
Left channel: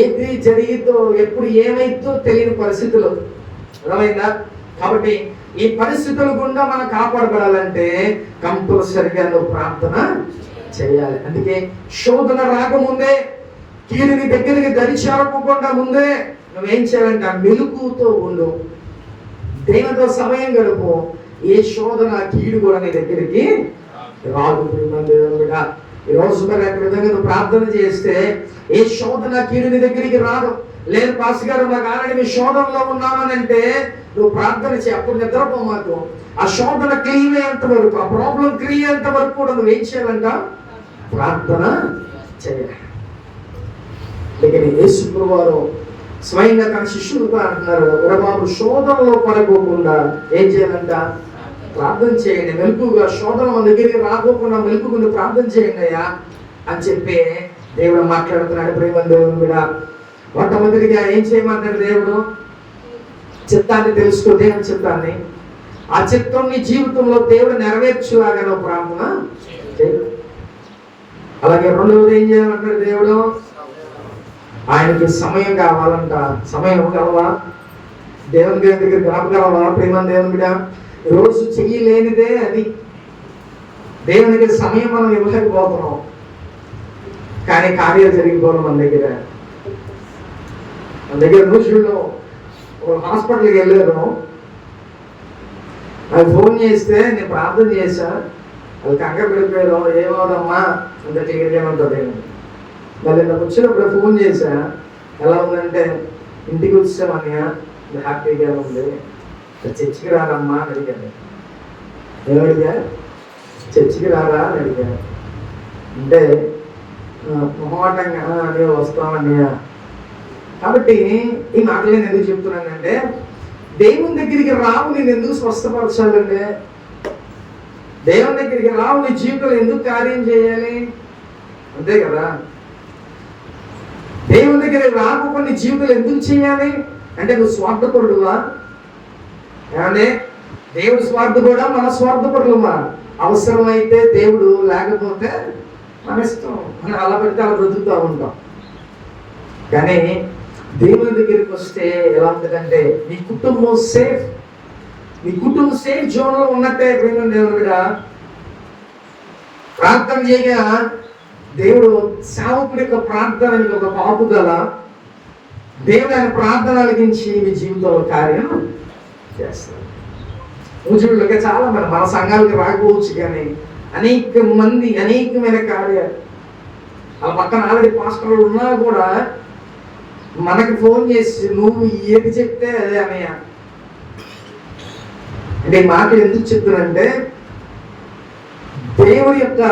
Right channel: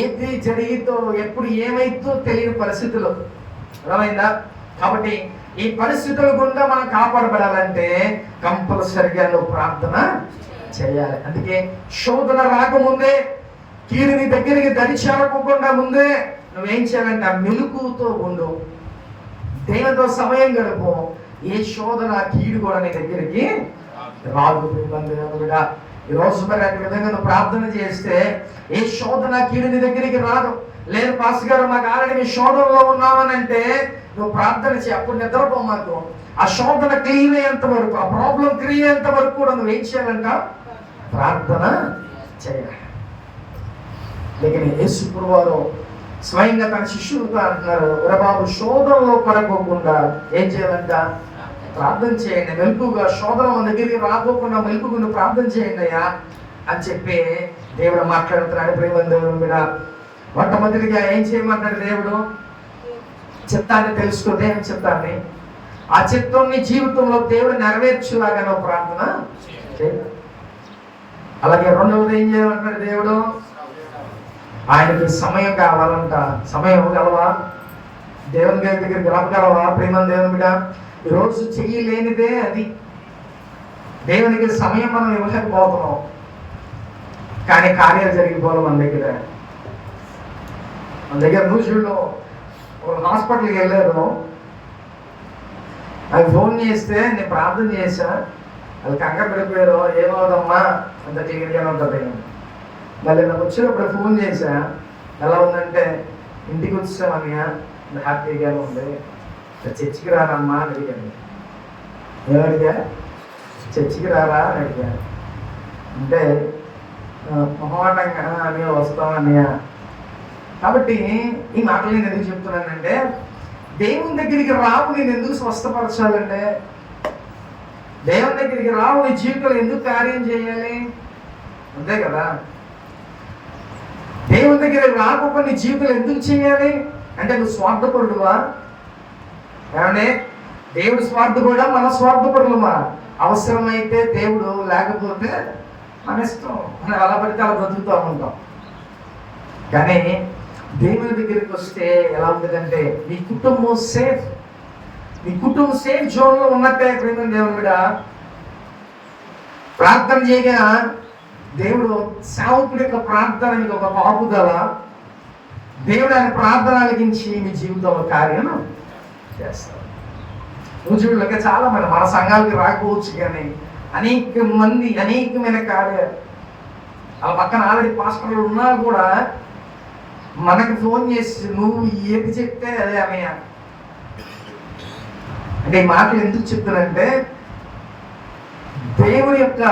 ఏది జరిగిద్దో, ఎప్పుడు ఏమైద్దో తెలియని పరిస్థితులు, అర్థమైందా? కాబట్టి ఈ పరిస్థితుల గుండా మనం కాపాడబడాలంటే కంపల్సరిగా నువ్వు ప్రార్థన చేయాలి. అందుకే శోధన రాకముందే, కీడుని దగ్గరికి దరిచేరకుండా ముందే నువ్వేం చేయాలంటే మెలుకుతో ఉండు, దేవునితో సమయం గడుపు. ఏ శోధన కీడు కూడా నీ దగ్గరికి రాదు. దేవుడా ఈ రోజు మరి అక్కడ విధంగా నువ్వు ప్రార్థన చేస్తే ఏ శోధన కీడు నీ దగ్గరికి రాదు. లేదు పాస్ గారు మాకు ఆల్రెడీ మీ శోధనలో ఉన్నామని అంటే నువ్వు ప్రార్థన చేయి, అప్పుడు నిద్రపో. మాకు ఆ శోధన క్లియర్ అయ్యేంత వరకు, ఆ ప్రాబ్లం క్లియర్ అయ్యేంత వరకు కూడా నువ్వు ఏం చేయాలంట, ప్రార్థన చేయాలి. లేకపోతే యేసు వారు స్వయంగా తన శిష్యులతో అంటున్నారు, ఒరే బాబు శోధనలో పడకోకుండా ఏం చేయాలంట, ప్రార్థన చేయండి. మెలుకుగా శోధన మన దగ్గరికి రాకోకుండా మెలుకుకుండా ప్రార్థన చేయండి అయ్యా అని చెప్పి దేవుడు మాట్లాడుతున్నాడు. ప్రేమ దేవుని మీద మొట్టమొదటిగా ఏం చేయమంటాడు దేవుడు, చిత్తాన్ని తెలుసుకో, దేవుని చిత్తాన్ని. ఆ చిత్తం నీ జీవితంలో దేవుడు నెరవేర్చులాగా నువ్వు ప్రార్థన చేయి. అలాగే రెండవది ఏం చేయాలంటాడు దేవుడు? ఆయనకి సమయం కావాలంట. సమయం కావాలా? దేవుని దగ్గరికి రాగలవా ప్రేమ దేవుని బిడ్డ? ఈరోజు చెయ్యలేనిదే అది. దేవునికి సమయం మనం ఇవ్వలేకపోతున్నాం, కానీ కార్యాలు జరిగిపోవడం మన దగ్గర రోజుల్లో ఒక హాస్పిటల్కి వెళ్ళారు. నాకు ఫోన్ చేస్తే నేను ప్రార్థన చేశా, అది కంగారు పడిపోయారు. ఏమవుదమ్మా అంత క్లియర్గానే ఉంటుంది. మళ్ళీ నాకు వచ్చినప్పుడు ఫోన్ చేశా, ఎలా ఉందంటే ఇంటికి వచ్చామన్నయ్య హ్యాపీగా ఉంది, చర్చికి రానమ్మా అని అడిగాను. ఏమడిగా? చర్చికి రారా అని అడిగాను. అంటే మొహమాటంగా నేను వస్తామన్నయ్య. కాబట్టి ఈ మాటలు నేను ఎందుకు చెప్తున్నానంటే, దేవుని దగ్గరికి రావు నేను ఎందుకు స్వస్థపరచాలంటే, దేవుని దగ్గరికి రావు నీ జీవితంలో ఎందుకు కార్యం చేయాలి? అంతే కదా. దేవుని దగ్గరికి రాకుండా నీ జీవితంలో ఎందుకు చేయాలి అంటే, నువ్వు స్వార్థపరుడువా? ఏమంటే దేవుడు స్వార్థపరుడా, మన స్వార్థపరులమా? అవసరమైతే దేవుడు, లేకపోతే మన ఇష్టం. మనం అలా పడితే అలా బ్రతుకుతూ ఉంటాం. కానీ దేవుని దగ్గరికి వస్తే ఎలా ఉంటుందంటే, నీ కుటుంబం సేఫ్. నీ కుటుంబం సేఫ్ జోన్లో ఉన్నట్టే. ప్రేమ దేవుని మీద ప్రార్థన చేయగా దేవుడు సేవకుడి యొక్క ప్రార్థనకి ఒక పాపుదల, దేవుడు ఆయన ప్రార్థన అలిగించి మీ జీవితంలో కార్యం చేస్తాడు. రోజులకి చాలా మంది మన సంఘాలకు రాకపోవచ్చు, కానీ అనేక మంది అనేకమైన కార్యాలు. వాళ్ళ పక్కన ఆల్రెడీ పాస్టర్లు ఉన్నా కూడా మనకి ఫోన్ చేసి నువ్వు ఏది చెప్తే అదే అన్నయ్య. అంటే ఈ మాటలు ఎందుకు చెప్తున్నానంటే, దేవుని యొక్క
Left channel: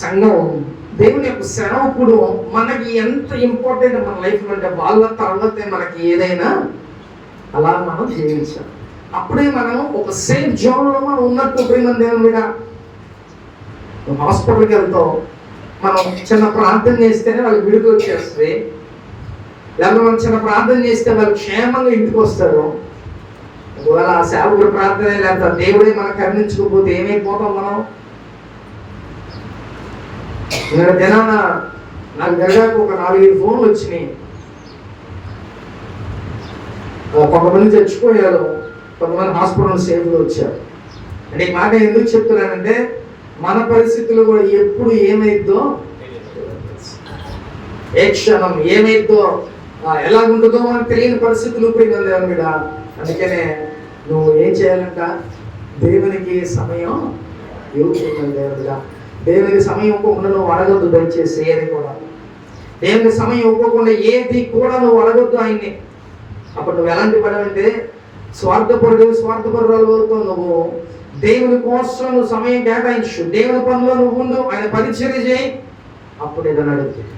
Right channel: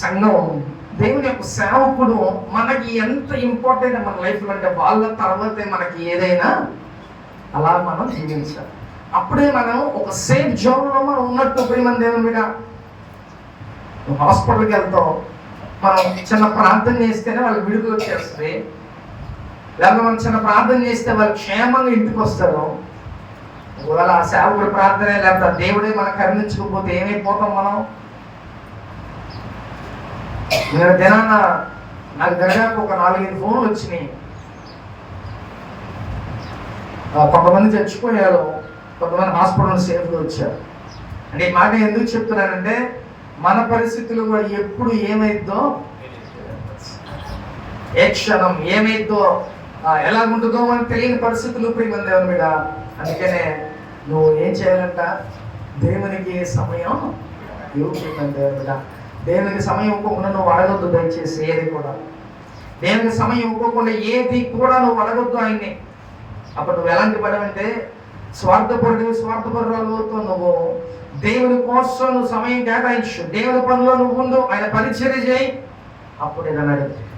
సంఘం, దేవుని యొక్క సేవకుడు మనకి ఎంత ఇంపార్టెంట్ మన లైఫ్లో అంటే, వాళ్ళ తర్వాతే మనకి ఏదైనా అలా మనం జీవించాలి. అప్పుడే మనం ఒక సేఫ్ జోన్లో మనం ఉన్నట్టు. ప్రేమ దేవుని మీద హాస్పిటల్కి వెళ్తాం, మనం చిన్న ప్రార్థన చేస్తేనే వాళ్ళకి విడుదల వచ్చేస్తుంది. లేకపోతే మనం చిన్న ప్రార్థన చేస్తే వాళ్ళు క్షేమంగా ఇంటికి వస్తారు. ఒకవేళ ఆ సేవకుడి ప్రార్థన లేకపోతే దేవుడే మనకు కరుణించకపోతే ఏమైపోతాం మనం? నేను దినాన నాకు జరగాక ఒక 4-5 ఫోన్లు వచ్చినాయి. కొంతమంది చచ్చిపోయారు, కొంతమంది హాస్పిటల్ సేఫ్గా వచ్చారు. అంటే ఈ మాట ఎందుకు చెప్తున్నానంటే, మన పరిస్థితులు కూడా ఎప్పుడు ఏమైద్దో, ఏ క్షణం ఏమైద్దో, ఎలాగుంటుందో మనకు తెలియని పరిస్థితులు ప్రేమ దేవుని మీద. అందుకనే నువ్వు ఏం చేయాలంట? దేవునికి సమయం ఇవ్వకుండా దేవుడ, దేవునికి సమయం ఇవ్వకుండా నువ్వు అడగొద్దు దయచేసి. ఏది కూడా దేవునికి సమయం ఇవ్వకుండా ఏది కూడా నువ్వు అడగొద్దు ఆయన్ని. అప్పుడు నువ్వు ఎలాంటి పని అంటే, స్వార్థపరురాలతో నువ్వు దేవుని కోసం నువ్వు సమయం కేటాయించు. దేవుని పనిలో నువ్వు ఉండు, ఆయన పరిచర్య చేయి. అప్పుడు ఏదైనా అడుగుతుంది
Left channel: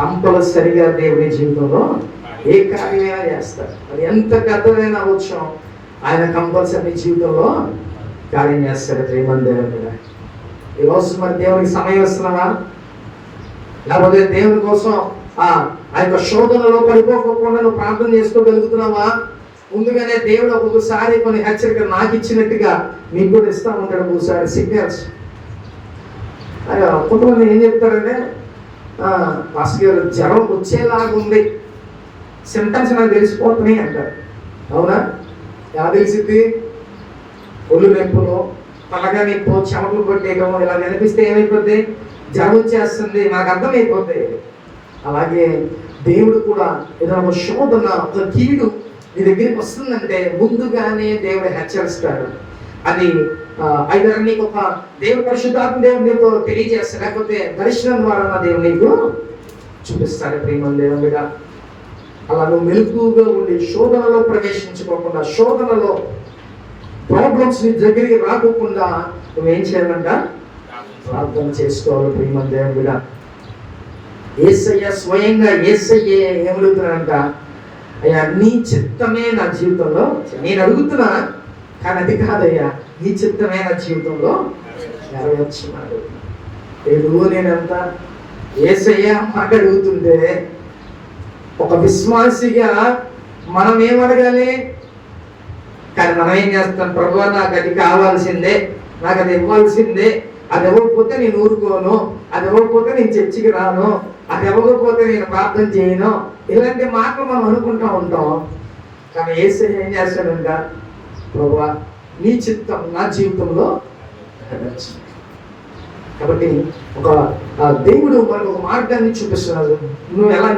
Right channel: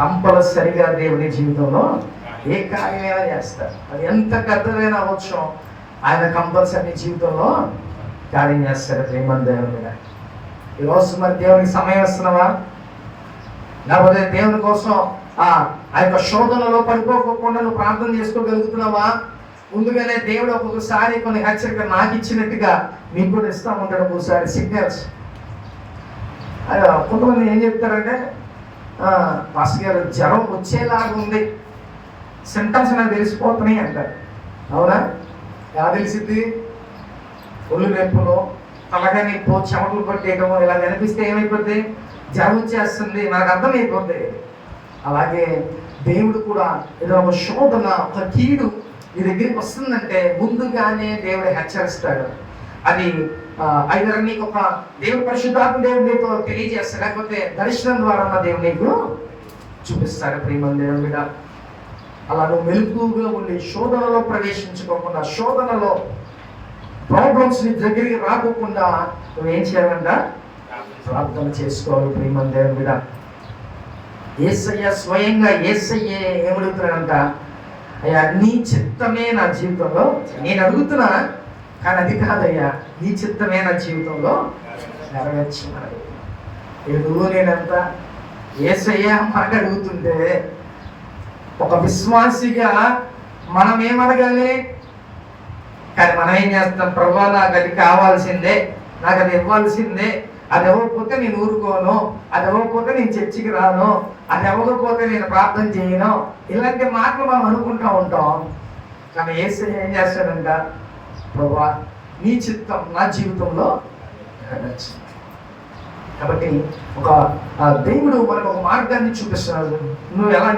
కంపల్సరిగా దేవుని జీవితంలో ఏ కార్యమైనా చేస్తారు. అది ఎంత పెద్దదైనా అవ్వచ్చు, ఆయన కంపల్సరీ జీవితంలో కార్యం చేస్తాడు. ప్రేమ దేవుని మీద ఈరోజు మరి దేవునికి సమయం ఇస్తున్నావా? లేకపోతే దేవుని కోసం ఆ యొక్క శోధనలో పడిపోకుండా నువ్వు ప్రార్థన చేసుకోగలుగుతున్నావా? ముందుగానే దేవుడు ఒక్కొక్కసారి కొన్ని హెచ్చరిక నాకు ఇచ్చినట్టుగా మీకు కూడా ఇస్తూ ఉంటాడు. ఒక్కొక్కసారి సిగ్నల్స్. కొంతమంది ఏం చెప్తారంటే, పాస్టర్ గారు జ్వరం వచ్చేలాగా ఉంది, సిమ్టమ్స్ నాకు తెలిసిపోతున్నాయి అంటారు. అవునా? ఎలా తెలిసిద్ది? ఒళ్ళు నొప్పులు, తలగా నొప్పు, చెమటలు కొట్టేయడం ఇలా కనిపిస్తే ఏమైపోద్ది? జ్వరం వచ్చేస్తుంది, మనకు అర్థమైపోద్ది. అలాగే దేవుడు కూడా ఏదైనా ఒక శోధన, ఒక కీడు నీ దగ్గరికి వస్తుందంటే ముందుగానే దేవుడు హెచ్చరిస్తాడు. అది ఐదర్ నీకు ఒక దేవుడు పరిశుద్ధాత్మ దేవుడు నీకు తెలియజేస్తాడు, లేకపోతే దర్శనం ద్వారా దేవుడు నీకు చూపిస్తాడు. ప్రేమ దేవుని మీద అలా నువ్వు మెలుగుగా ఉండి శోధనలో ప్రవేశించుకోకుండా, శోధనలో ప్రాబ్లమ్స్ నీ దగ్గరికి రాకోకుండా నువ్వేం చేయాలంట? ప్రార్థన చేసుకోవాలి. ప్రేమ దేవుని మీద యేసయ్య స్వయంగా యేసయ్యే ఏమడుగుతున్నాడంట? అయ్యా నీ చిత్తమే నా జీవితంలో, నేను అడుగుతున్నా కానీ అది కాదయ్యా, నీ చిత్తమే నా జీవితంలో నెరవేర్చమని. ఎదుగు నేనంత యేసయ్య మాట అడుగుతుంటే, ఒక విశ్వాసిగా మనం ఏమడగాలి? కానీ మనం ఏం చేస్తాం? ప్రభువా నాకు అది కావాల్సిందే, నాకు అది ఇవ్వాల్సిందే, అది ఇవ్వకపోతే నేను ఊరుకోను, అది ఇవ్వకపోతే నేను చర్చికి రాను, అది ఇవ్వకపోతే నేను ప్రార్థన చేయను, ఇలాంటి మాటలు మనం అనుకుంటూ ఉంటాం. కానీ యేసు ఏం చేస్తాడంట, ప్రభువా నీ చిత్తం నా జీవితంలో నెరవేర్చు. కాబట్టి ఒక దేవుడు మనకు ఒక మార్గాన్ని చూపిస్తున్నాడు.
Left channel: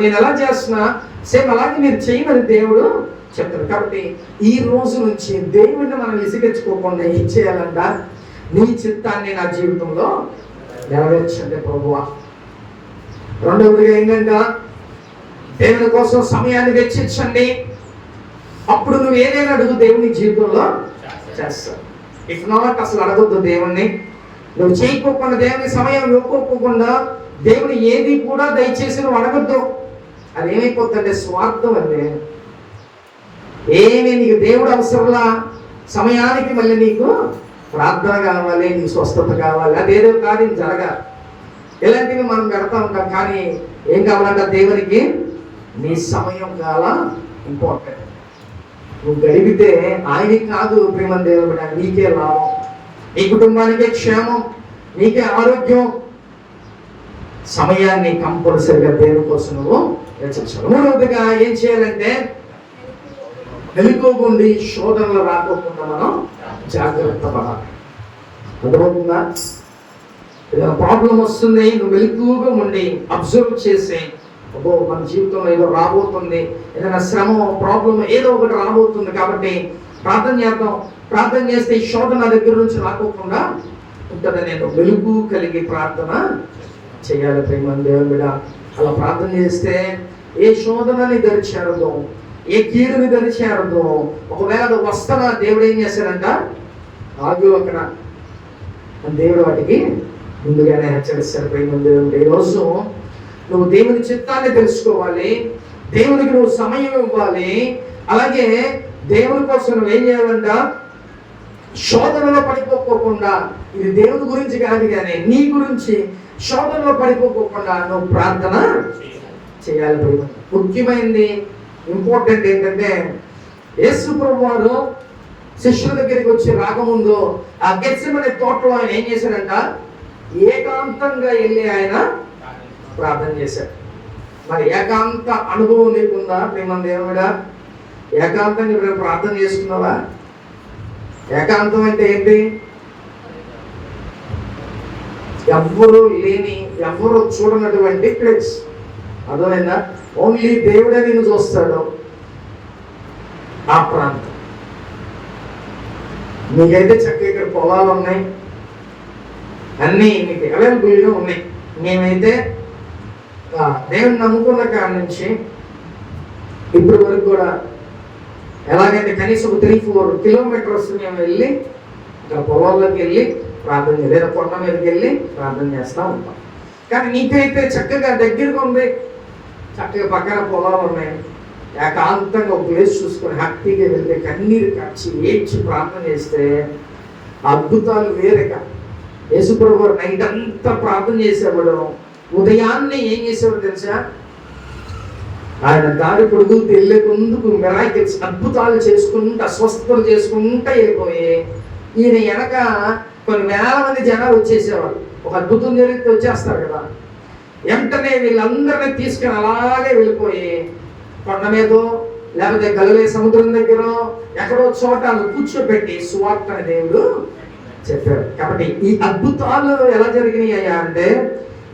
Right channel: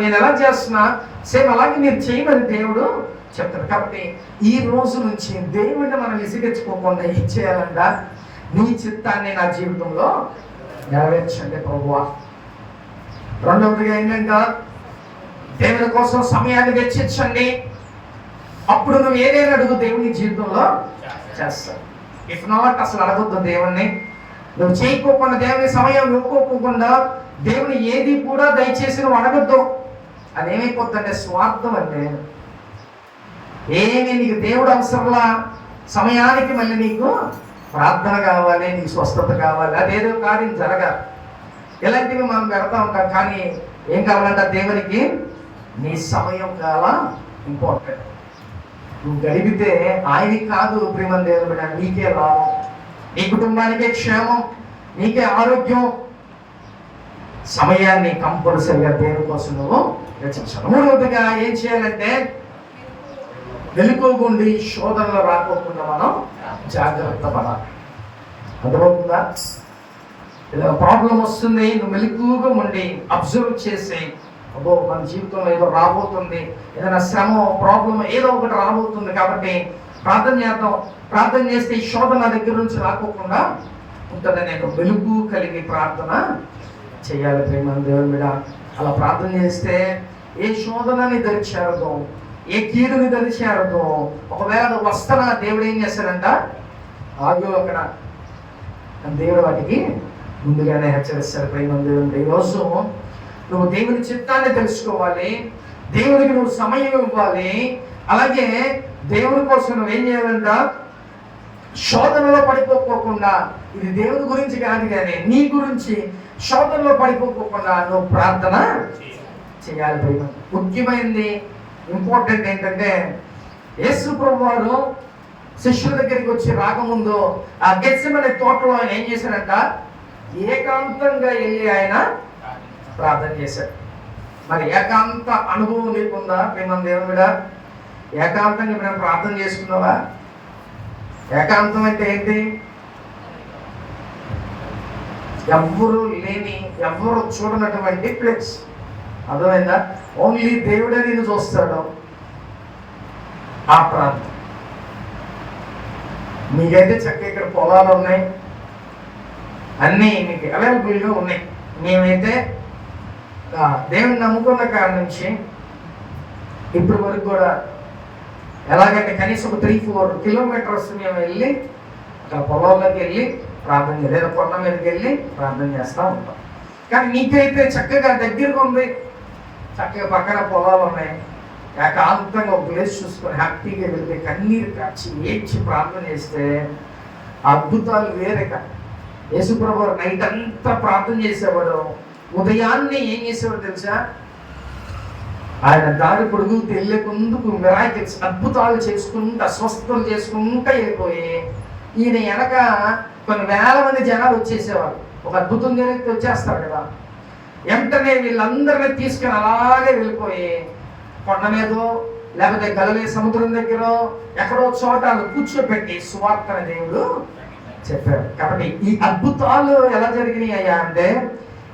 నేను ఎలా చేస్తున్నా సేమ్ అలాగే మీరు చేయమని దేవుడు చెప్తాడు. కాబట్టి ఈ రోజు నుంచి దేవుడిని మనం విసిగించుకోకుండా ఏం చేయాలంట, నీ చిత్తాన్ని నా జీవితంలో నెరవేర్చండి ప్రభువా. రెండవదిగా ఏంటంటే దేవుని కోసం సమయాన్ని వెచ్చించండి. అప్పుడు నువ్వు ఏదైనా అడుగు దేవుని జీవితంలో చేస్తావు. ఇఫ్ నాట్ అసలు అడగొద్దు దేవుణ్ణి. నువ్వు చేయకోకుండా దేవుని సమయం ఇవ్వకోకుండా దేవుని ఏది కూడా దయచేసి నువ్వు అడగద్దు. అది ఏమైపోతుందంటే స్వార్థం అండి. ఏమి నీకు దేవుడు అవసరంలా, సమయానికి మళ్ళీ నీకు ప్రార్థన కావాలి, నీకు స్వస్థత కావాలి, అదేదో కార్యం జరగాలి, ఇలాంటివి మనం పెడతా ఉంటాం. కానీ ఏం కావాలంట దేవునికి, నీ సమయం చాలా ఇంపార్టెంట్. నువ్వు గడిపితే ఆయనకి కాదు ప్రేమ దేవుడు బిడ్డ, నీకే లాభం, నీ కుటుంబానికే క్షేమం, నీకే ఆరోగ్యం. సమయాన్ని కంపల్సరిగా దేవుని కోసం నువ్వు రచించాలి. మూడవదిగా ఏం చేయాలంటే మెలకువగుండి శోధనలు రాకోకుండా మనం జాగ్రత్త పడాలి. అర్థమవుతుందా? ఏదైనా ప్రాబ్లం వస్తుంది, నువ్వు మెలకువగా ఉండి అబ్జర్వ్ చేసి, అబ్బో మన జీవితంలో ఏదో రాబోతుంది, ఏదైనా శ్రమ ప్రాబ్లం ఏదో ఒకటి రాబోతుంది కాబట్టి ప్రార్థన చేద్దాం. ప్రార్థన చేస్తే ఈ శోధన దగ్గర నుంచి రాకోకుండా ఉంటుందని నేను వెలుగు కలిగి ప్రార్థన చేయాలి. ప్రేమ దేవుని బిడ్డ, అలా ప్రార్థన చేస్తే ఏ శోధనని దరిచేరదో, ఏ కీడుని దరిచేరదో. ఒకవేళ అది వస్తున్నా దేవుడు ఏం చేస్తాడంట, ఆగు అక్కడ దేవుడు వాటికి ముందుగానే హెచ్చరిస్తాడు. ప్రేమ దేవుడు, ఈరోజు నువ్వు దేవుని చిత్తాన్ని తెలుసుకోవాలి, దేవునికి నువ్వు సమయం ఇవ్వాలి. అలాగే దేవుని కోసం నువ్వు ఏం చేయాలంట, శోధనలో పడిపోకుండా, ఇది దేవుని గురించి కాదు కానీ నీ గురించి శోధనలో పడిపోకుండా నువ్వు ప్రార్థన చేయాలి. ప్రేమ ముఖ్యమైనది ఇంపార్టెంట్ ఏంటంటే, యేసు ప్రభువు వారు శిష్యుల దగ్గరికి వచ్చి రాకముందు ఆ గెత్సెమనే తోటలో ఆయన ఏం చేశాడంట, ఏకాంతంగా వెళ్ళి ఆయన ప్రార్థన చేశాడు. మరి ఏకాంత అనుభవం నీకుందా ప్రేమ దేవుడా? ఏకాంతంగా ఇప్పుడు ప్రార్థన చేసుకున్నావా? ఏకాంతం అంటే ఏంటి? ఎవ్వరు లేని, ఎవ్వరు చూడనటువంటి ప్లేస్. అర్థమైందా? ఓన్లీ దేవుడే నేను చూస్తాడు ఆ ప్రాంతం. మీకైతే చక్కగా ఇక్కడ పొలాలు ఉన్నాయి, అన్నీ మీకు అవైలబుల్గా ఉన్నాయి. మేమైతే దేవుని నమ్ముకున్న కాడ నుంచి ఇప్పటి వరకు కూడా ఎలాగంటే కనీసం 3-4 కిలోమీటర్స్ మేము వెళ్ళి ఇక్కడ పొలాల్లోకి వెళ్ళి ప్రార్థన చేయాలి, లేదా కొండ మీదకి వెళ్ళి ప్రార్థన చేస్తూ ఉంటాం. కానీ నీకైతే చక్కగా దగ్గరగా ఉంది, చక్కగా పక్కన పొలాలు ఉన్నాయి, ఏకాంతంగా ఒక ప్లేస్ చూసుకొని హ్యాపీగా వెళ్తే కన్నీరు కచ్చి ఏడ్చి ప్రార్థన చేస్తే అద్భుతాలు వేరేక. యేసుప్రభు గారు నైట్ అంతా ప్రార్థన చేసేవాడు, ఉదయాన్నే ఏం చేసేవాడు తెలుసా? ఆయన దారి పొడుగుతూ వెళ్ళే ముందుకు మిరాకిల్స్, అద్భుతాలు చేసుకుంటూ స్వస్థతలు చేసుకుంటూ వెళ్ళిపోయి ఈయన వెనక కొన్ని వేల మంది జనాలు వచ్చేసేవాళ్ళు. ఒక అద్భుతం జరిగితే వచ్చేస్తారు కదా, వెంటనే వీళ్ళందరినీ తీసుకుని అలాగే వెళ్ళిపోయి కొండ మీదో లేకపోతే గలిలే సముద్రం దగ్గర ఎక్కడో చోట కూర్చోబెట్టి సువార్తని దేవుడు చెప్పాడు. కాబట్టి ఈ అద్భుతాలు ఎలా జరిగినాయి అయ్యా అంటే,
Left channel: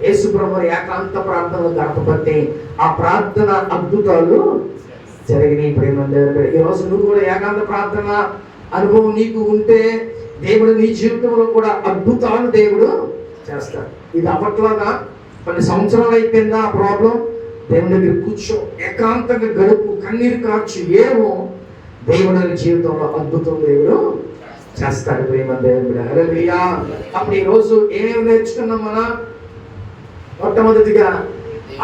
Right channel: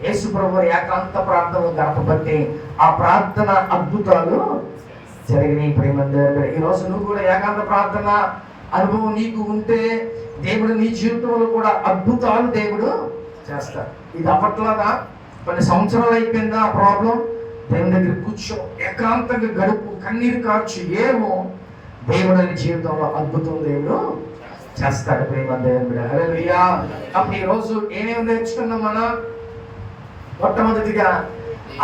యేసు ప్రభువు ఏకాంత ప్రార్థనలు గడపబట్టి ఆ ప్రార్థన అద్భుతాలు జరిగినాయి. ప్రేమ దేవుడు, ఈరోజు నువ్వు కూడా ఏకాంత ప్రార్థన అనుభవం నీకు ఉంటే దేవుడు నీ జీవితంలో కూడా అద్భుతాలు దేవుడు చేస్తాడు. ఇది అప్పట్లాగా కొన్ని సంవత్సరాలు అయిపోయిందా ఆ ప్రాబ్లం, దేవుని దగ్గర కూర్చో, ఏకాంతంగా గడుపు, కన్నీరు కార్చు, ఏమో దేవుడు నీ జీవితంలో అద్భుతం దేవుడు చేస్తాడు. ప్రేమ దేవుడు, హల్లెలూయా. అప్పుడు ఈరోజు ఏమేమి నేర్చుకున్నాం మనం? మొట్టమొదటిగా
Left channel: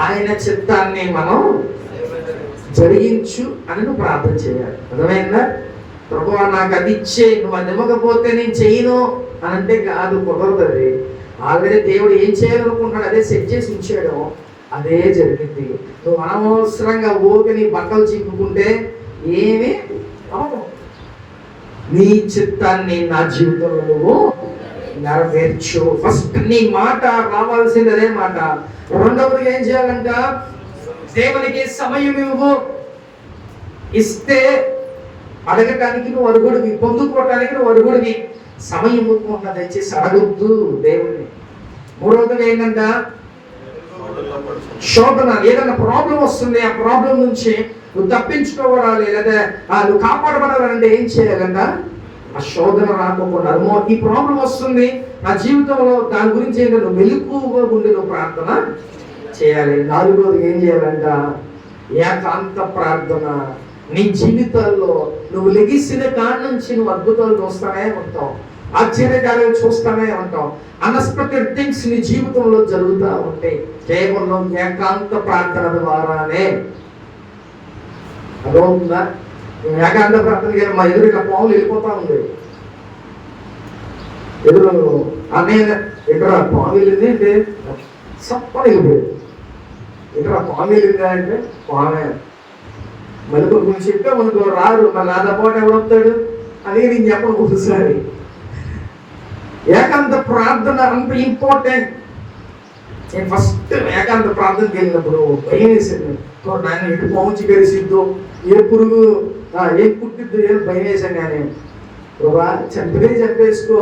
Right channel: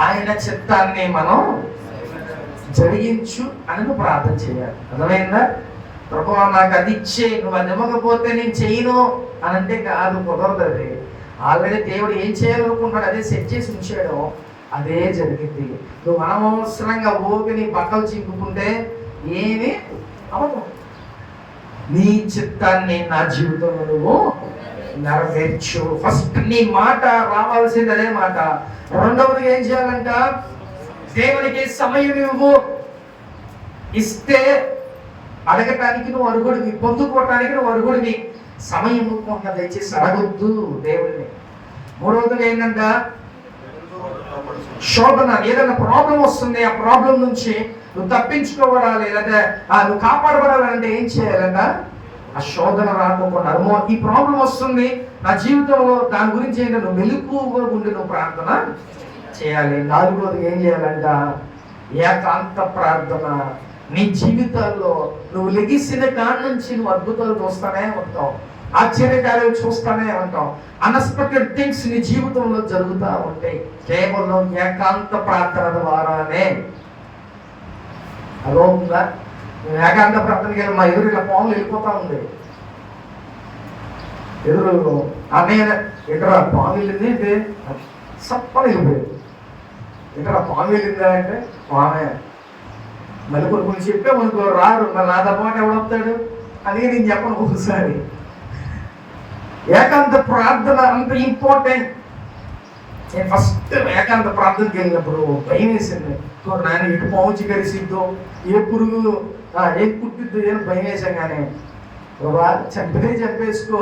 ఆయన చిత్తాన్ని మనం జరిగించు అని నువ్వు ప్రార్థన చేయాలి. అర్థమైందా? ప్రభువా నాకు అది ఇచ్చే, నువ్వు అది ఇవ్వకపోతే నేను చేయను అని అంటే కాదు, కుదరదు. అది ఆల్రెడీ దేవుడు ఏం చేయాలనుకుంటున్నాడు అదే సెట్ చేసి ఉంచాడు, అదే జరిగింది. నువ్వు అనవసరంగా ఊరికి నీ బట్టలు చిక్కుకుంటే ఏమీ అవ్వదు. నీ చిత్తాన్ని నా జీవితంలో నువ్వు నెరవేర్చు. ఫస్ట్ నీ మాట రావాల్సింది అదే మాట. రెండవదిగా ఏం చేయాలంట? దేవునికి సమయం ఇవ్వు. ఇస్తే అడగటానికి నువ్వు అరుగుడివి, పొందుకోవటానికి నువ్వు అరుగుడివి. సమయం ఇవ్వకుండా దయచేసి అడగొద్దు దేవుడిని. మూడవదిగా ఏంటంట? శోధన. ఏదైనా ప్రాబ్లం వస్తుంది, ఆ ప్రాబ్లం నుంచి నువ్వు తప్పించుకోవడాలి లేదా నువ్వు కాపాడబడాలంటే ఏం చేయాలంట? ఆ శోధన రాకపోకుండా, ఈ ప్రాబ్లం వస్తుంది నా జీవితంలో, దాని గురించి ఏంటంటే నువ్వు మెలకువగా ఉండి నువ్వు ప్రార్థన చేయాలి. నాలుగోది ఏం చేయాలంట? ఏకాంత ప్రార్థన. నీ జీవితాల్లో నువ్వు లెగిసిన కాడి నుంచి నువ్వు అద్భుతాలు చూస్తానే ఉంటావు, ఆశ్చర్యకార్యాలు చూస్తానే ఉంటాం. అన్ఎక్స్పెక్టెడ్ థింగ్స్ నీ జీవితంలో జరుగుతూ ఉంటాయి కేవలం ఏకాంత ప్రార్థన ద్వారానే. అదో ఉందా? ఏకాంత ప్రార్థన కానీ మా ఎదురు ఇలా పాములు వెళ్ళిపోతా ఉంది. ఎదురు అన్నయ్య ఎదురా పాము వెళ్ళింది అంటే సప్పని వెళ్ళిపోయింది. ఎదురా పాము వెళ్ళిందా అంటే పామే. మళ్ళీ కొన్ని చెప్పే మనకు రారు, మళ్ళీ నాతో పాటు ఎవడొస్తాడు అని నేను చెప్పను ఒకసారి. ఏకాంత ప్రార్థన అంత ఇంపార్టెంట్. నేను ఫస్ట్ ఏకాంత ప్రార్థనకి వెళ్ళినప్పుడు భయం వేసింది. నాయన ఎటు పావుచి కరిసిద్దో, ఏ పురుగు ఏ పుట్టిద్దో ఏం భయం వేసాం. కానీ బాబా చంపేసుకో,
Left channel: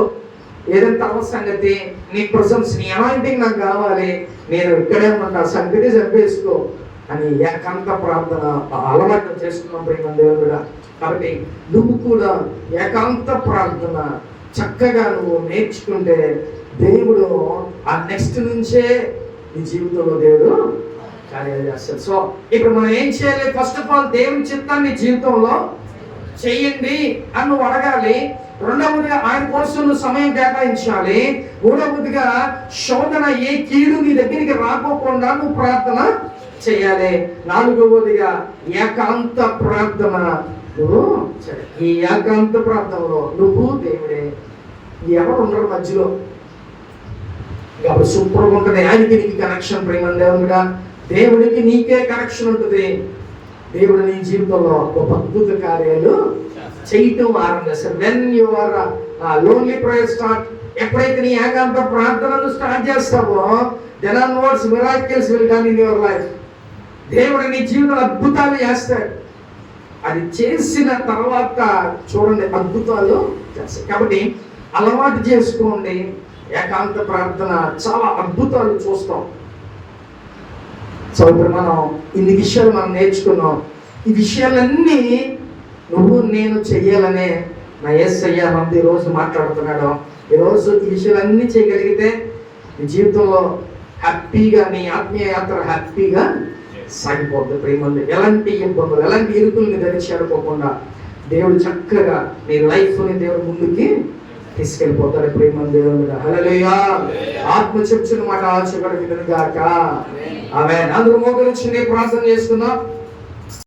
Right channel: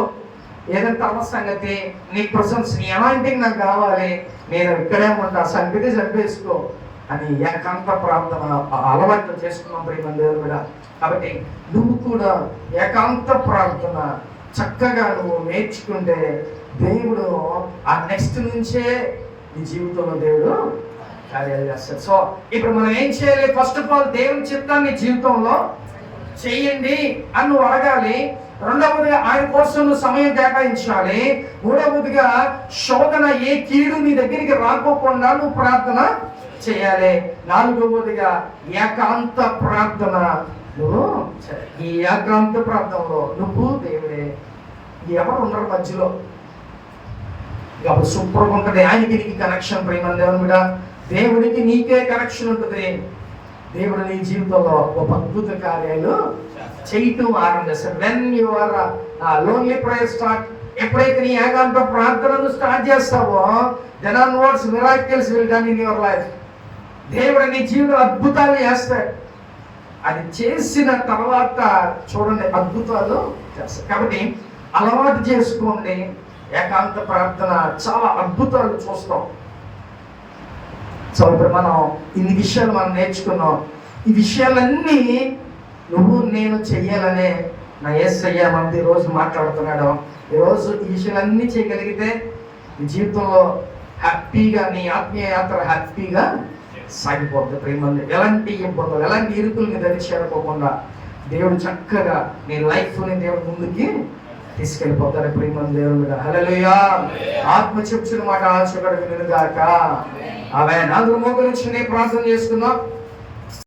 ఏదైనా తమ సంగతి, నీ ప్రశంస, నీ అనాయింటింగ్ నాకు కావాలి, నేను ఇక్కడే ఉంటా, సంగతి చంపేసుకో అని ఏకాంత ప్రార్థన అలవాటు చేసుకున్నాం ప్రేమ దేవుడు కూడా. కాబట్టి నువ్వు కూడా ఏకాంత ప్రార్థన చక్కగా నువ్వు నేర్చుకుంటే దేవుడు ఆ నెక్స్ట్ నుంచే నీ జీవితంలో దేవుడు కార్యాలు చేస్తాడు. సో ఇప్పుడు మనం ఏం చేయాలి? ఫస్ట్ ఆఫ్ ఆల్ దేవుని చిత్తాన్ని జీవితంలో చేయండి అని నువ్వు అడగాలి. రెండవదిగా ఆయన కోసం నువ్వు సమయం కేటాయించాలి. మూడవదిగా శోధన, ఏ కీడు నీ దగ్గరికి రాకోకుండా నువ్వు ప్రార్థన చేయాలి. నాలుగవదిగా ఏకాంత ప్రార్థన నువ్వు చేయాలి. ఈ ఏకాంత ప్రార్థనలో నువ్వు దేవుడే, ఎవరు ఉండరు మధ్యలో. అప్పుడు సూపర్గా ఉంటుంది. ఆయనకి నీకు కనెక్షన్ ప్రేమ దేవుడా, దేవుడికి నీకే కనెక్షన్ ఉంటుంది. దేవుడు నీ జీవితంలో ఒక అద్భుత కార్యాలు చేయటం ఆరంభిస్తాడు. When you are lonely prayer start, ఎప్పుడైతే నీ ఏకాంత ప్రార్థనలు స్టార్ట్ చేస్తావో, then onwards miracles will done in your life. దేవుడు నీ జీవితంలో అద్భుతాలు చేస్తాడు. అది చేసిన తర్వాత చూడండి అద్భుతాలు చేస్తాడు. కాబట్టి అలవాటు చేసుకోండి ఏకాంత ప్రార్థన, చాలా అద్భుతాలు చూస్తాం. సో ఇప్పుడు మనం ఇన్ని విషయాలు మనం నేర్చుకున్నాం. ఈ విషయాలన్నీ నువ్వు నేను చెయ్యాలనే నా యేసయ్య మనతో ఈరోజు మాట్లాడుతున్నాడు. ఈరోజు ఈ విషయాలన్నీ చేయగలిగితే నీ జీవితంలో హ్యాపీగా, నీ ఆత్మీయ యాత్ర హ్యాపీగా సాగిపోతుంది. ప్రేమంది ఎలాంటి ఇబ్బందులు, ఎలాంటి ఇరుకుల్ని ధరించేడుకోకుండా దేవుడు చక్కగా నీ లైఫ్ని దేవుడు ముందుకి తీసుకెళ్ళిపోతాడు. ప్రేమంది దేవుడు. హల్లెలూయా. ఆత్మ చెప్పుచున్న మాట ఆశపడి వినుగాక. ఆమెన్. అందరూ మోకరించి ప్రార్థన చేసుకుందాం.